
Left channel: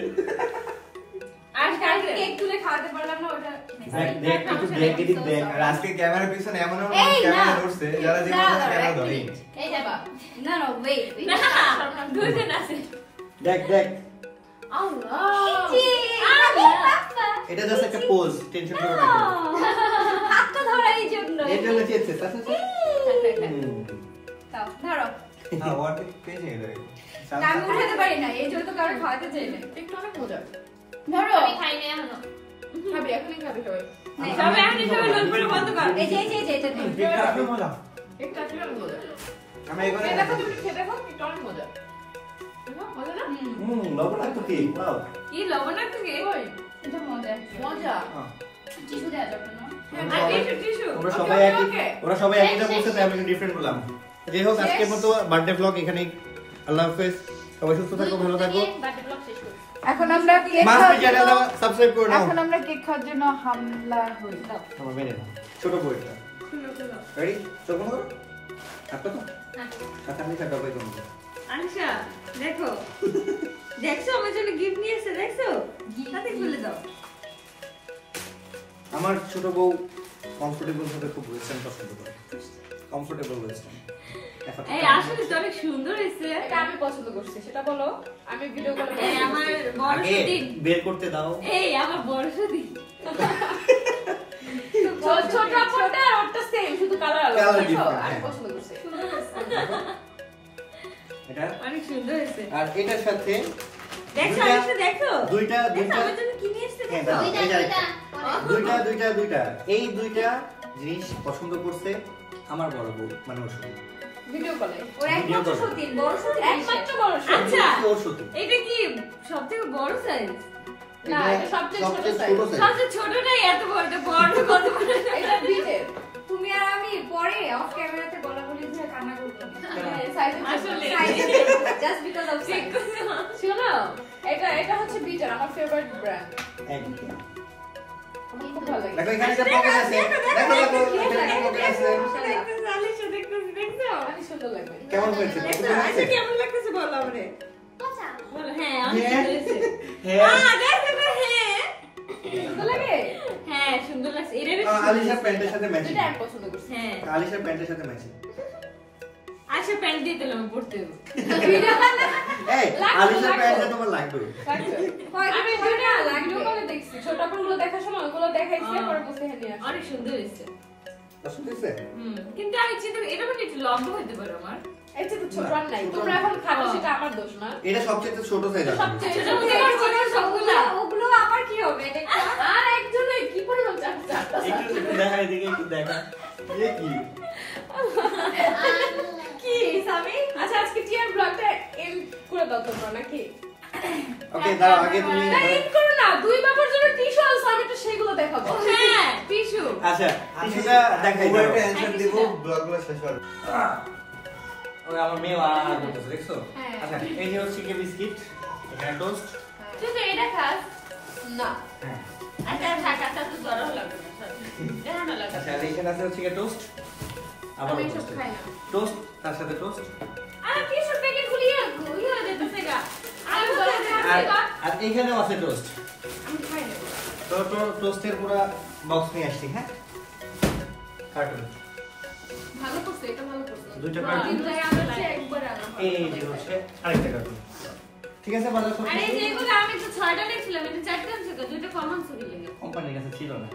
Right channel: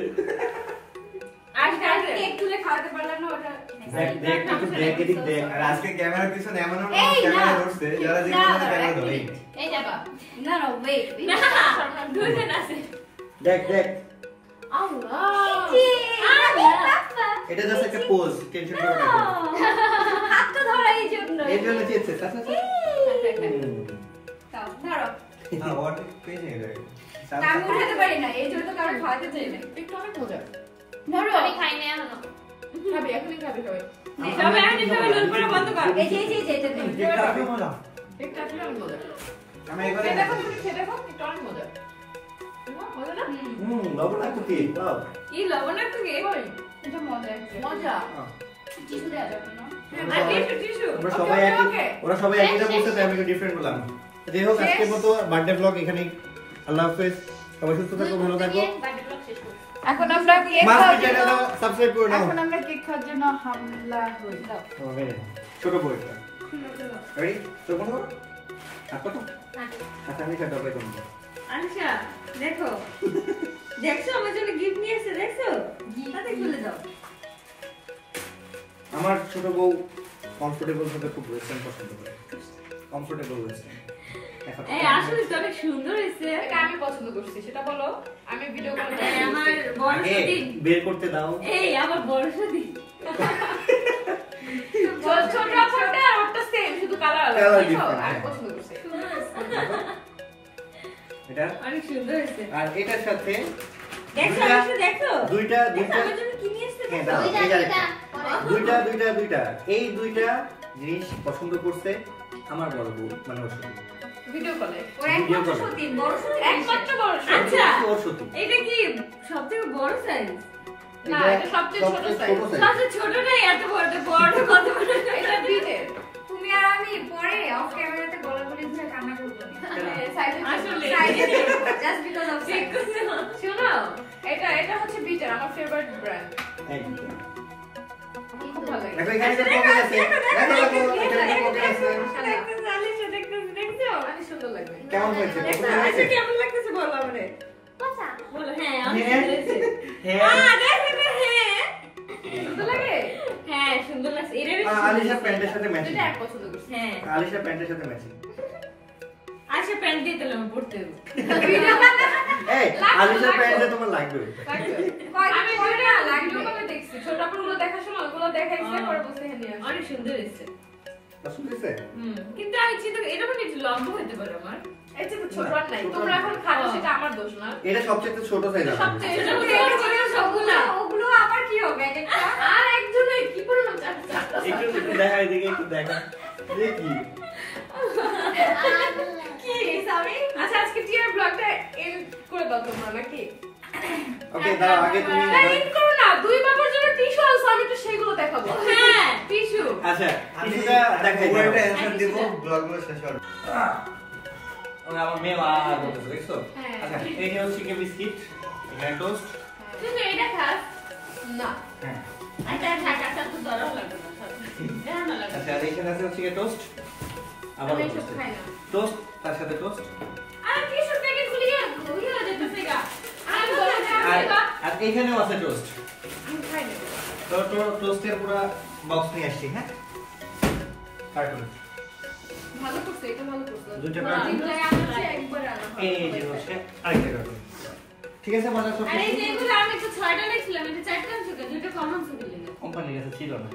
আজকে কেক তুলে খাওয়াতে পারলাম না, ওটা দেখ দেখ একটু দেখ এদিক দেখ। আর আজকে ক্যামেরার পিছনে এমন এমন এই না। ক্যামেরা ধরছে যারা জীবনে ক্যামেরা ধরে। এই যাবা। না না ওয়েট না দুইজন আছে দেখ দেখ আল্লাহ এটা জাস্ট একটা পোজ, টেনশন করো না। হাতটা ধরা এই জন্য। এর জন্য চেয়েছে আচ্ছা আচ্ছা। তাও ধরো। হ্যাঁ ওর পেজে গেছে। তা আমি উঠাতে পারি না, এই জন্য তো কাউরে খাওয়াতে চাই না। একটু অনেক মজা। ধরো। আমি খাই না এখনো খাবি এখনই খাবি সবাই। সবাই আপনি সবাই লোড করে বন্ধ কর এই যে এটা দিন। দেখটা কি মজা। একটু আসলে অনেক মজা। আমি এবারে খেয়ে দেখো তুমি খেয়ে দেখো একটু অনেক মজা। মজা না? লবণাক্ত কি ওয়াও। কি লবণাক্ত কি ওই এটা মজা একটু। মজা। টিস্যু দেওয়া যাবে না? আর টিস্যু টিস্যু ওরা Okay, সবাই okay, একই okay. ওরা সবাই একইটা বলছে তাই আমি একটু ডিফারেন্ট বললাম। যাই হোক আজকের মতো বার্থডে ব্লগ এখানেই। আল্লাহ হাফেজ, সবাই সুস্থ থাকো, ভালো থাকো। এখন আমরা কেক মাস্টার চ্যানেলটা সাবস্ক্রাইব করে নাও এখন আমরা কেক খাওয়ার জন্য হামলা হই দাও তোমার মেরে নাও ছোট বইটা রেডি চোখ বন্ধ করো হাত পাতো আচ্ছা আমি কাটা পাই তোমাকে আলিশা দেখো দেখছো আমার জন্য গিফট নিয়ে এসেছে দেখছো তাতে খুলে দাও আমার ছোট বউ কমফোর্টেবল ভাবে খুব ওয়েস্টার্ন পছন্দ করে কমফোর্টেবল ওয়েস্টার্ন এখন এই আসলে তো অনেক সুন্দর হয়েছে এটা আমি পছন্দ করছি সেটা বলো আমি ভিডিও করে এই আমার বড় আগে দিন বের করতে দাও এই আমার বড় দিন ছোট ছোট আর ওটা সেম শুধু কালার আলাদা Colour বুঝছো? different, আমি হ্যাঁ। পছন্দ করছি এটা অনেক সুন্দর হয়েছে আর এটার সাথে দেখছো দুইটা- আলিশা দেখো দুইটা দেখো আমার জন্য কি নিয়ে এসেছে হ্যাঁ, দেখো দাও, এই যে আরেকটা। দুইটা এই দুইটা জিনিস পছন্দ করছে আমার বড় বউ মানে ওর সাথে ভিডিও কলে ও একমাত্র সত্যি বড় সত্যি একমাত্র বড় সত্যি। আচ্ছা ওর সাথে এটা কি সবথেকে বড় সাইজ না, এটা সবচেয়ে ছোট size। সবচেয়ে ছোটটাই এত বড়টা বড় কত বড় এটা বিটের তুমি আর আমি পরে অফ ক্যামেরাতে বলাবলি ধরে কান্না করবো আসলে জাস্ট বিকজ অফ ঠিক করছো শুনো এটা হচ্ছে বিটের আমার ফেভারিট ব্র্যান্ড খুব ভালো লাগে দেখো এখানে একটা পকেট আছে দেখো এখানে একটা পকেট আছে দেখতেছি আলিশা দেখতেছি দেখছো অনেক সুন্দর লাগবে কেমন হয়েছে দেখছো পছন্দ আলিশা হয়েছে কেমন লাগতেছে বলো আমারে বলো হ্যাঁ অনেক হ্যাঁ। সুন্দর হয়েছে হ্যাঁ দেখো হ্যাঁ সুন্দর লাগে হ্যাঁ সুন্দর লাগছে এটা আলিশা প্যান্টের সাথে ম্যাচিং দুইটা এক পছন্দ করছি হ্যাঁ আলিশা প্যান্টের সাথে ম্যাচিং আচ্ছা প্যান্ট দিয়ে তাহলে আমি পড়তে দেবো এই আলিশা প্যান্টটা তোমার লাগবে আমি ভিডিও কলে দেখছি ছোট আপুগুলো দেখার সময় ওগুলো দেখাইছে পরে বসে হ্যাঁ নিয়ে আসছে। অনেক সুন্দর হয়েছে পছন্দ হয়েছে কিন্তু আমি চিন্তা করি এটা মানে একটু লম্বা হতে পারে আমার এই যে ছোট আর নাই ছোট তোমরা না। এখন খাবো সেটা আমার দোষ না এটা সবচেয়ে ছোট সাইজ আছে সবচেয়ে ছোট ছোট থেকে বড় সবগুলা ওগুলো আবার কি হবে এক একটা আর একজনে কি পরিমাণ চাপটা একটু দেখা এদিকে একটু দেখা দেখি কি সামি আচ্ছা আজকে টিয়ার ব্লগটা এন্ড করে দাও তোমরা নাকি ওকে দাও আগে তুমি এন্ড করো না দুই বাবার জন্য টিস্যু আছে আমি তো সেগুলো দেখাবো হ্যাঁ টিস্যু আচ্ছা টিস্যুটা দেখাই দাও একটা অ্যানসার দিব ব্লগগুলো শেষ হবে ওকে আমার মেয়ে আর বলতেছে দেখছো হ্যাঁ। আচ্ছা এই যে হচ্ছে কি বিস্কিট এখানে টোস্ট তুই তো এটা খাস না হ্যাঁ আচ্ছা ঢাকাটা তো দরও লাগবে না এটা না লাগবে আচ্ছা আর এখানে আছে হচ্ছে কি টোস্ট আবার আমি এসব খাই না টোস্ট তার সাথে টোস্ট আর টিস্যু প্যাকেট খুলিয়ে হয়ে যেতেছে গা আমি দোষ আর আর এখানেও আছে টোস্ট আমি খাই না তো টোস্টের পুরো বক্স নিয়ে আসছি হ্যাঁ কার্টুন ভালো করছে এটা ভালো করছে দুইটা কার্টুন তিনটায় আনছে একবার আনো এই যে হচ্ছে আরেকটা কার্টুন ঠিক আছে বাজার করতে আরে যেগুলো আমি তো 6টা রেখেছিলাম এটা 4টা আনছো কেন দুটো কম আনছো কি লাগে কোম্পানির কাছে ছিল না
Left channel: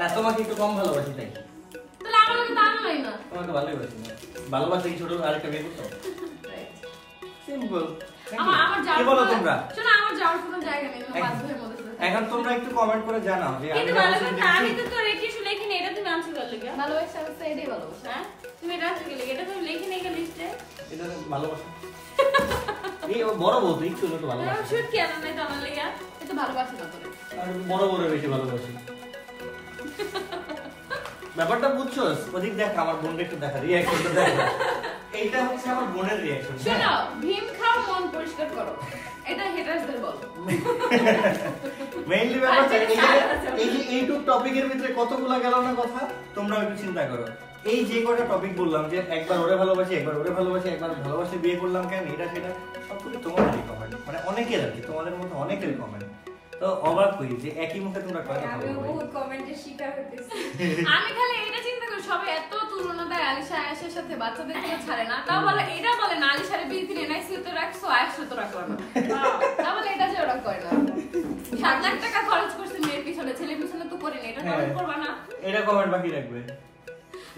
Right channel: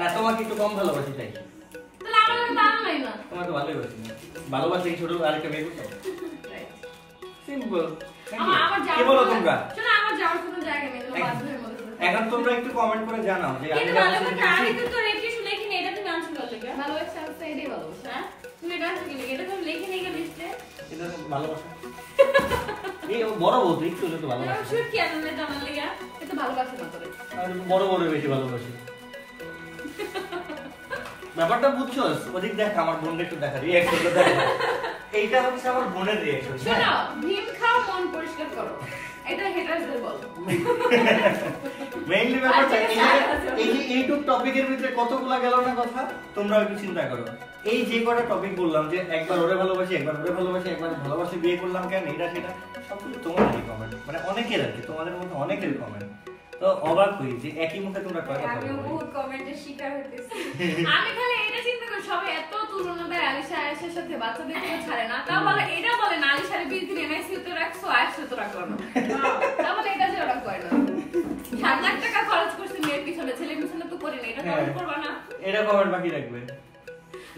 না তোমাকে একটু কম ভালোবাসি তাই তাহলে আমার লাগে দাম নাই না তোমার তো ভালোই বাসি না ভালোবাসি ছোট আরেকটা বিয়ে করছো সিম্পল আমার কি বলো তোমরা শোনো আমার যাওয়ার কোনো জায়গা নেই তোমার বান্ধবীর মধ্যে এখন তোমরা একটু কমেন্ট করে জানাও যে আমি কিন্তু ভালো ভালোবাসি কথা আমি ঠিক। তো তোর এই টিস্যু লিখে নেই এটা তুমি আনছো কি লাগে ভালোবাসা হচ্ছে এটাই ভালোবাসা হ্যাঁ তুমি এটা আনছো কি লাগে এটা তুমি লিখে নেই লিস্টে এটা তো ভালোবাসা এই ও বড় বউ তো একটু তো ভালোবাসা শুট কি আনলে তো আমার লাগা এটা ভালোবাসা না করে আর বড় বড় বেশি ভালোবাসি ব্যাপারটা বুঝছো ওদিক দেখ আমার বোনকে একটু দেখা রিঅ্যাকশন তো দেখা এইটা হচ্ছে আমার বোনের রিঅ্যাকশন শোনো ভীম খাও মন পরিষ্কার করো এটা হেটার্সদের বল মেইনলি ব্যাপারটা এই যে এইটুক টপিকের ভিতরে কতগুলা গেল না কথা তোমরা একটু চিন্তা করো এই যে কটা টপিক বললাম যে একবার ওরে ভালোবাসি একবার ওরে ভালোবাসি একবার ভালোবাসি বিয়ে করলাম কেন এটা সেটা সবকিছু তোমাদেরই কমেন্ট মানে অনেকের আর কি তোমাদের মধ্যে অনেকের কমেন্ট তো অবাক হই যে একই মুখে তোমরা কয় কথা আমি বলো বহুত কমেন্টের শিকার হইতেছি আমি খালি এটা চিন্তা করি সবাই এত তুলনা দেয় আলিশা আয়েশার সাথে বাচ্চাদের কোনো ছাড়ে না তা বলে এটা বলে না আলিশারে বিয়ে দিলে এনআইসি তো রাখছো আয়েশা তো রাখলো না তা বলে এটা যে ওরা করে না 7 লাখ টাকা খরচ করছে মেয়ের পিছনে ছেলের পিছনে তো করি না এটা খরচ করবা না এটা কমেন্ট বাকি রাখবে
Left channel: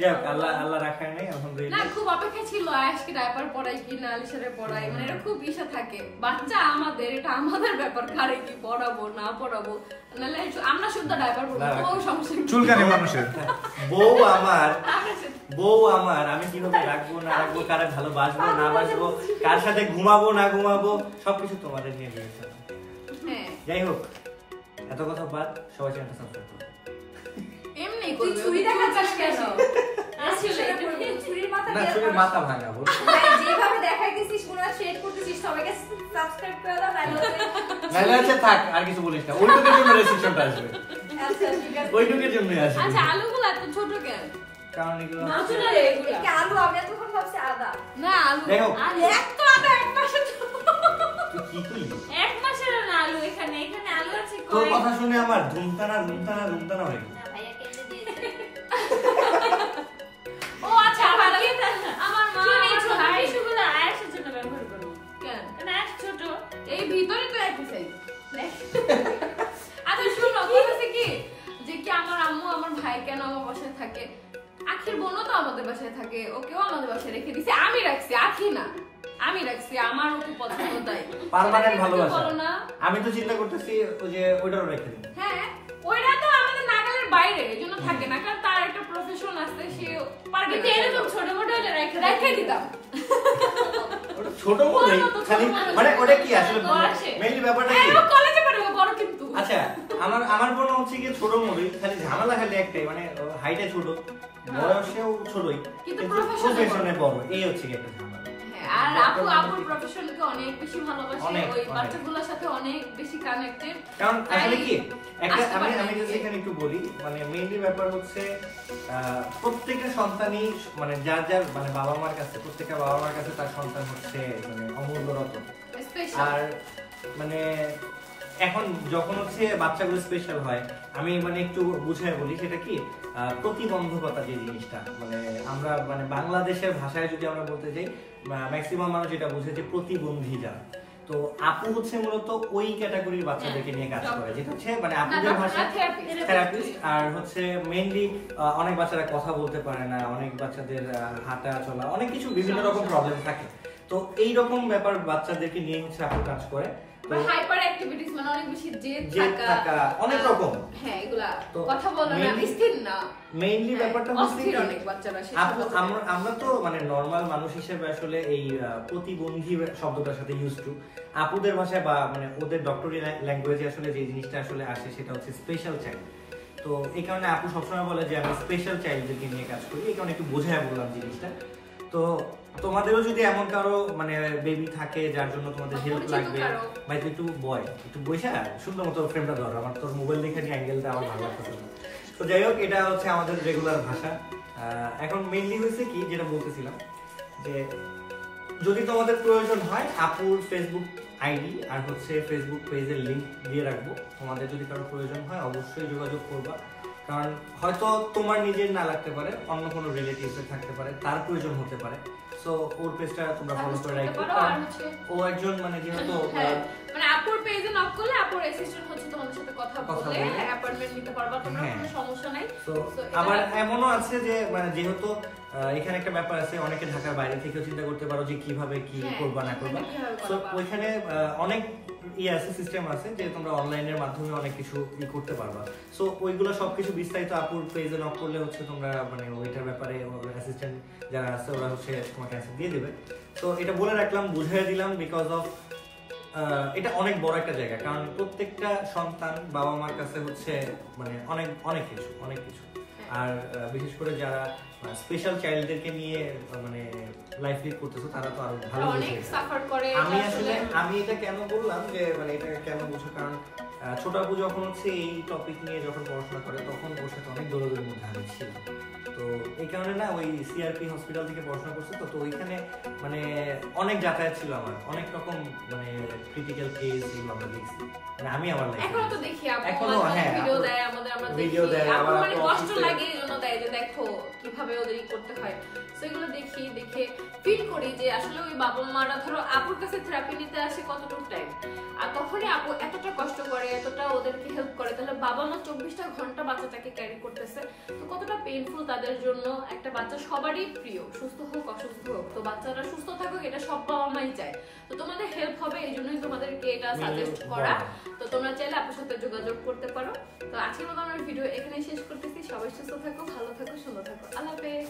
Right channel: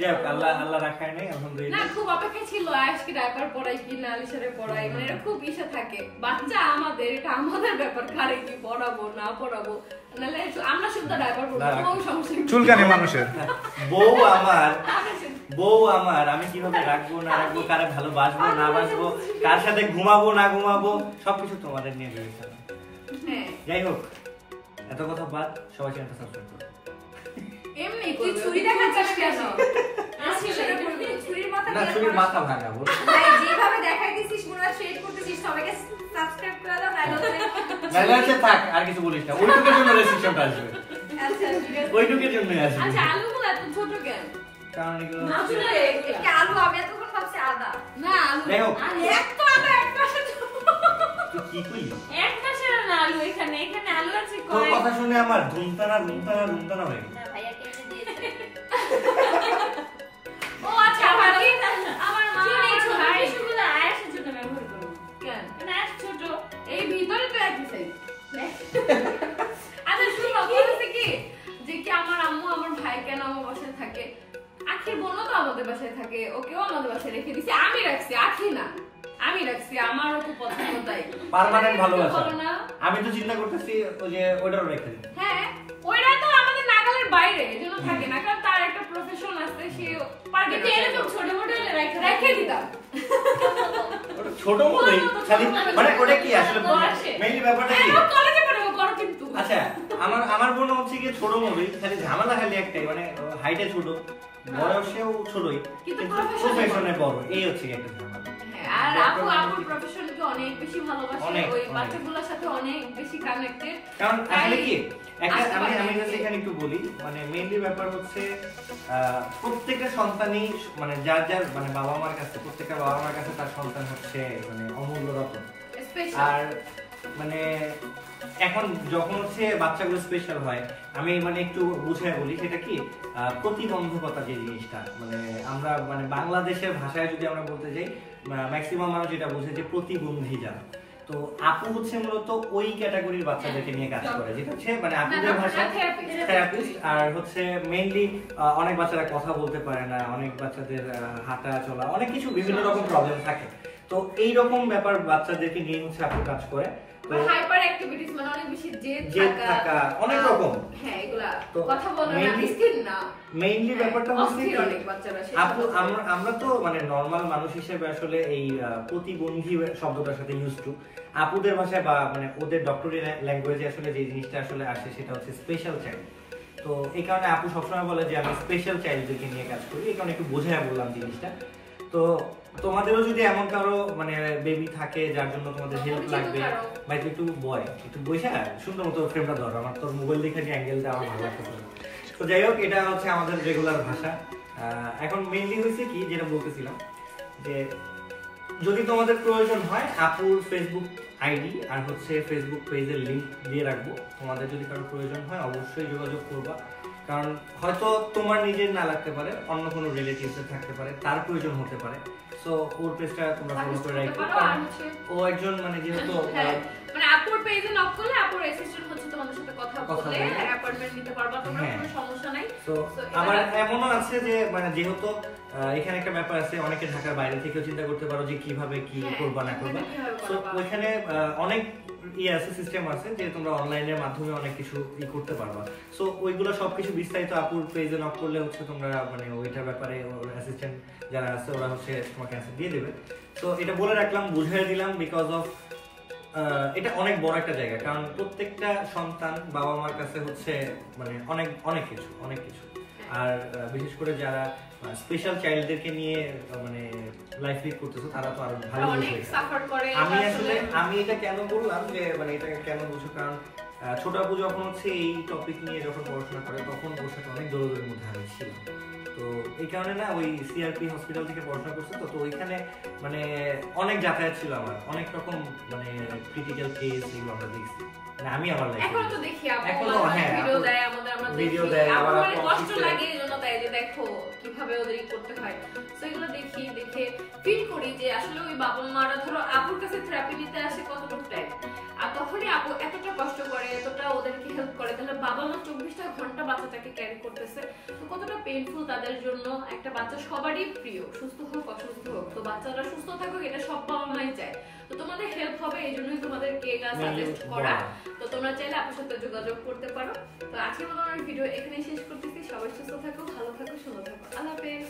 যাক আল্লাহ আল্লাহ রাখায় নাই না আলহামদুলিল্লাহ খুব অপেক্ষা ছিল আয়েশকে ডাইপার পড়াই কি না আলিশারে পড়াই মানে এটা খুব ইচ্ছা থাকে বাচ্চা আমাদের এটা আমাদের ব্যাপার কারে কি পড়াবো না পড়াবো নাহলে আমরা শুদ্ধ ডাইপার পড়বো না, কোনো সমস্যা নেই। চুলকানি মানুষের বউ আমার আমি কিভাবে রাখবো না রাখবো কারে ভালোবাসবো না বাসবো কার সাথে ঘুমাবো না ঘুমাবো সবকিছু তোমাদের নিয়ে বিবেচনা হ্যাঁ যাই হোক এত কথা বাদ সবাই চ্যানেলটা সাবস্ক্রাইব করো এমনি তুই করবে ছুরি দেখাচ্ছিস কেন আসলে ছুরির মাথা না বের চুরির কর। মাথা ভাঙাবো ভাই যেভাবে দেখাইতিস করতেছিস পুরো শেড করতেছিস সবাইকে সাবস্ক্রাইব করে দাও নাইলে আছে থাক আর কিছু বলিস না ওইটুকুর জন্য রেস্ট্রিকশনটা আসবে আচ্ছা ঠিক আছে ওইটুকুর জন্যই আসবে আচ্ছা আলুগুলো এত ছোট কেন? কারণ এগুলো মাছ না এগুলো। এটা আলু আমি এতক্ষণ ভাবছি আদা না আলু যাই হোক। আলু। এক তো আদা এক পাশে তুই কি কইলি এক মাসের না আলু এখানে আলু আছে তোর কয়েক কথা শুনে আমার ধুমতানা হয়ে গেল না ভাইয়া কেটে দিয়েছে ও আচ্ছা আমার আমার মা এই ছোট ভাই টিস্যুগুলো আয়েশের জন্য ব্যবহার করো কেন মানে আয়েশ ছোট এই ভিতরে তো একই সাইজ আচ্ছা শুনো বলতেছে কি যে কি আমার আম্মু আমার ভাই কেন আমার বাসায় থাকে আখির বোনও তো আমাদের বাসায় থাকে ওকেও আমাদের বাসায় রেখে দিছি আমি রাখছি আখি না আমি রাখছি আমার ওকে পছন্দ তাই পার্মানেন্ট ভালোবাসা বলো না আমি তো চিন্তা করতেছি ওই যে ওইটারও রেখে দিই হ্যাঁ ওইটা তো আমাদের নাগালের বাইরে এজন্য থাকে না কারণ তার একটা প্রফেশন আছে সে পারবে কিন্তু এরকম ছোট মোটো হলে রেখে দিতাম ওটা ছোট মতোই খালি মানে ওটা কি আসলে মেইনলি ব্যাপারটা কি এবার কলেজে পড়বো বড় কিন্তু আচ্ছা আমার বোন হচ্ছে কি ছোট মতোই খালি ঝামেলা খালি একটাই মানে হাইটে ছোট বয়সেও ছোটই কিন্তু কিন্তু profession-এ প্রফেশনে বড় এই হচ্ছে কি একটা ঝামেলা আর আপুর প্রফেশনকে অনেক বেশি ভালোবাসে অনেক, ওই অনেক। বাচ্চাগুলোর সাথে অনেক বেশি কানেক্টেড কারণ আসলে কি একটা আসতে পারে আমি না। জাস্ট এখানে একটু বলি মানে মেইনলি ব্যাপার হচ্ছে প্রত্যেকটা সন্তানই মানে যার মানে বাবা মার কাছে প্রত্যেকটা বাবা মার কাছে তার সন্তান হচ্ছে মানে অমূল্য রতন স্পেশাল আর মানে এখন যখন হচ্ছে বাচ্চাগুলো স্পেশাল হয় আমি মানে একটু বুঝাই বলি সেটা কি প্রতিবন্ধকতা যে জিনিসটা মানে আমরা মানে বাংলাদেশের ভাষায় যদি আমরা বলতে যাই ম্যাক্সিমাম মানুষ যেটা বুঝে যে প্রতিবন্ধী যারা তো আপু হচ্ছে মূলত ওই ক্যাটাগরির বাচ্চাদেরকে নিয়ে কাজ করে যেটা হচ্ছে মানে আপুদের ভাষায় থেরাপিস্ট আর হচ্ছে মেইনলি অনেক বাচ্চারা কথা বলতে পারে না অনেক বাচ্চাদের হাঁটা চলা অনেক কিছু বিভিন্ন রকম প্রবলেম থাকে তো এই রকম ব্যাপার বাচ্চাদেরকে নিয়ে হচ্ছে আপু কাজ করে তো হাইপার অ্যাক্টিভিটিস মানে অনেক বেশি জেদ জেদ থাকা, অনেক রকম। হ্যাঁ এগুলা তো কথা বলে না mainly- স্থির না মেইনলি ব্যাপারটা হচ্ছে অস্থির কি অনেক বাচ্চারা আপু আমরা তো মানে নরমাল মানুষ হিসেবে আসলে এই প্রতিবন্ধী শব্দটার সাথে ইউজ টু আপুদের ভাষায় বা মানে ওদের ডক্টরি ল্যাঙ্গুয়েজে আসলে যে জিনিসটা আসলে আসে সেটা হচ্ছে স্পেশাল চাইল্ড তো এই কারণে আপু সবসময় বলে যে আমি স্পেশাল চাইল্ডদেরকে নিয়ে কাজ করি এই কারণে একটু বোঝায় বললাম জিনিসটা তো তোমাদেরও যদি এমন কারো মানে বেবি থাকে যার জন্য তোমাদের হেল্প পরিচিত লাগবে কারো। ভাই তুই একটু বইসা সুন্দর মতো ফ্রেমটা ধরো আমার তোর মোবাইল দেখে যে অ্যাঙ্গেলটা আমার ভালো লাগতেছে না। তো যাই হোক এটা হচ্ছে আমাদের রেগুলার ভাষা এখন মেইনলি হয়েছে কি যেটা বলতেছিলাম যে যদি তোমাদের প্রয়োজন হয় আপুর ফেসবুক আইডি আর হচ্ছে ফেসবুক পেজের লিংক দিয়ে রাখবো তোমাদের যদি কারো প্রয়োজন হয় অবশ্যই যোগাযোগ করবা কারণ হয়তো তোমার নিজের না লাগতে পারে অন্য কোনো রিলেটিভসের থাকতে পারে তার প্রয়োজন হতে পারে সো ওর পেজটা তোমরা ফলো করে রাখো কারণ ও একজন মানে যেহেতু মানে আপুর পেজে নক করলে আপুর অ্যাসিস্ট্যান্ট হচ্ছে তোমাদের সাথে কথা বলে অ্যাপয়েন্টমেন্ট নিতে পারবা তোমরা হ্যাঁ। কোনো সমস্যা নাই তো আবার এমনও আছে যে মানে যেহেতু এখানে একটা ব্যাপার আছে অনেকে ঢাকার বাইরে থেকেও চিন্তা করতে পারো যে কিভাবে কি করবা না করবা তো ওইখানে অনেক আছে সিস্টেম আছে যে তোমরা অনলাইনের মাধ্যমে অনেক কিছু করতে পারবা সো ওইগুলো সবকিছু বিস্তারিত আপুর পেজে নক করলে হচ্ছে তোমরা মানে ওইটার ব্যাপারে অ্যাসিস্ট্যান্ট যারা আছে ওরা হচ্ছে তোমাকে অ্যান্সার দিয়ে দেবে তো এটা বলে রাখলাম বুঝিয়ে দিলাম বিকজ অফ এটা অনেক বড় একটা জায়গা কারণ প্রত্যেকটা সন্তান বাবা মার কাছে হচ্ছে মানে অনেক কিছু আর বিশেষ করে যারা স্পেশাল চাইল্ডদেরকে নিয়ে মানে লাইফ লিড করতেছো তারা তো আরো ভালো অনেক বুঝে সাফার করে আমি এটা কেন বললাম যে মানে এটাকে কেন বুঝো কারণ ছোট আপু যখন হচ্ছে এই টপিক নিয়ে যখন পড়াশোনা করে তখন ওর সাথে অনেক দৌড়ের মধ্যে আমি ছিলাম তো এই কারণে না ওই সিআরপি হসপিটাল থেকে পড়াশোনা করছে তো ওইখানে মানে অনেক যাতায়াত ছিল আমার অনেক রকম মানে ক্রিটিক্যাল কেস এগুলো আমরা দেখছি মানে আমি আমার লাইফে এখনো তো দেখি আপু এখনো হ্যাঁ ভিডিও দেয় আমাদের আমরা ভিডিও দেখি দেয় আমার আবার কষ্ট লাগে এজন্য দেয় যে দেখো কিভাবে ওদের করতে হয় সো এগুলো দেখে ফিল করি যে আসলে ওই বাবা মারা ধরো আপুর কাছে থেরাপি নিতে আসে কতটুকু টাইম আর তখনই আপু এতটা কষ্ট করে এতটা ওদেরকে হেল্প করে তাহলে বাবা মা 24টা ঘন্টা বাচ্চাটাকে ক্যারি করতেছে তো কতটা পেইনফুল তাদের জন্য একটা বাচ্চা সবারই প্রিয় সুস্থ হোক অসুস্থ হোক তো বাচ্চারা সুস্থ থাকুক এটা সব বাবা মাই চায় তো তোমাদের হেল্প হবে এই জন্যই তোমাদেরকে এটা সাজেস্ট করা তো তোমরা চাইলে আপুর সাথে যোগাযোগ করতে পারো তো আজকের মতো আমার ভিডিও এখানেই শেষ করতেছি সবাই সুস্থ থাকো ভালো থাকো সুন্দর থাকো আল্লাহ হাফেজ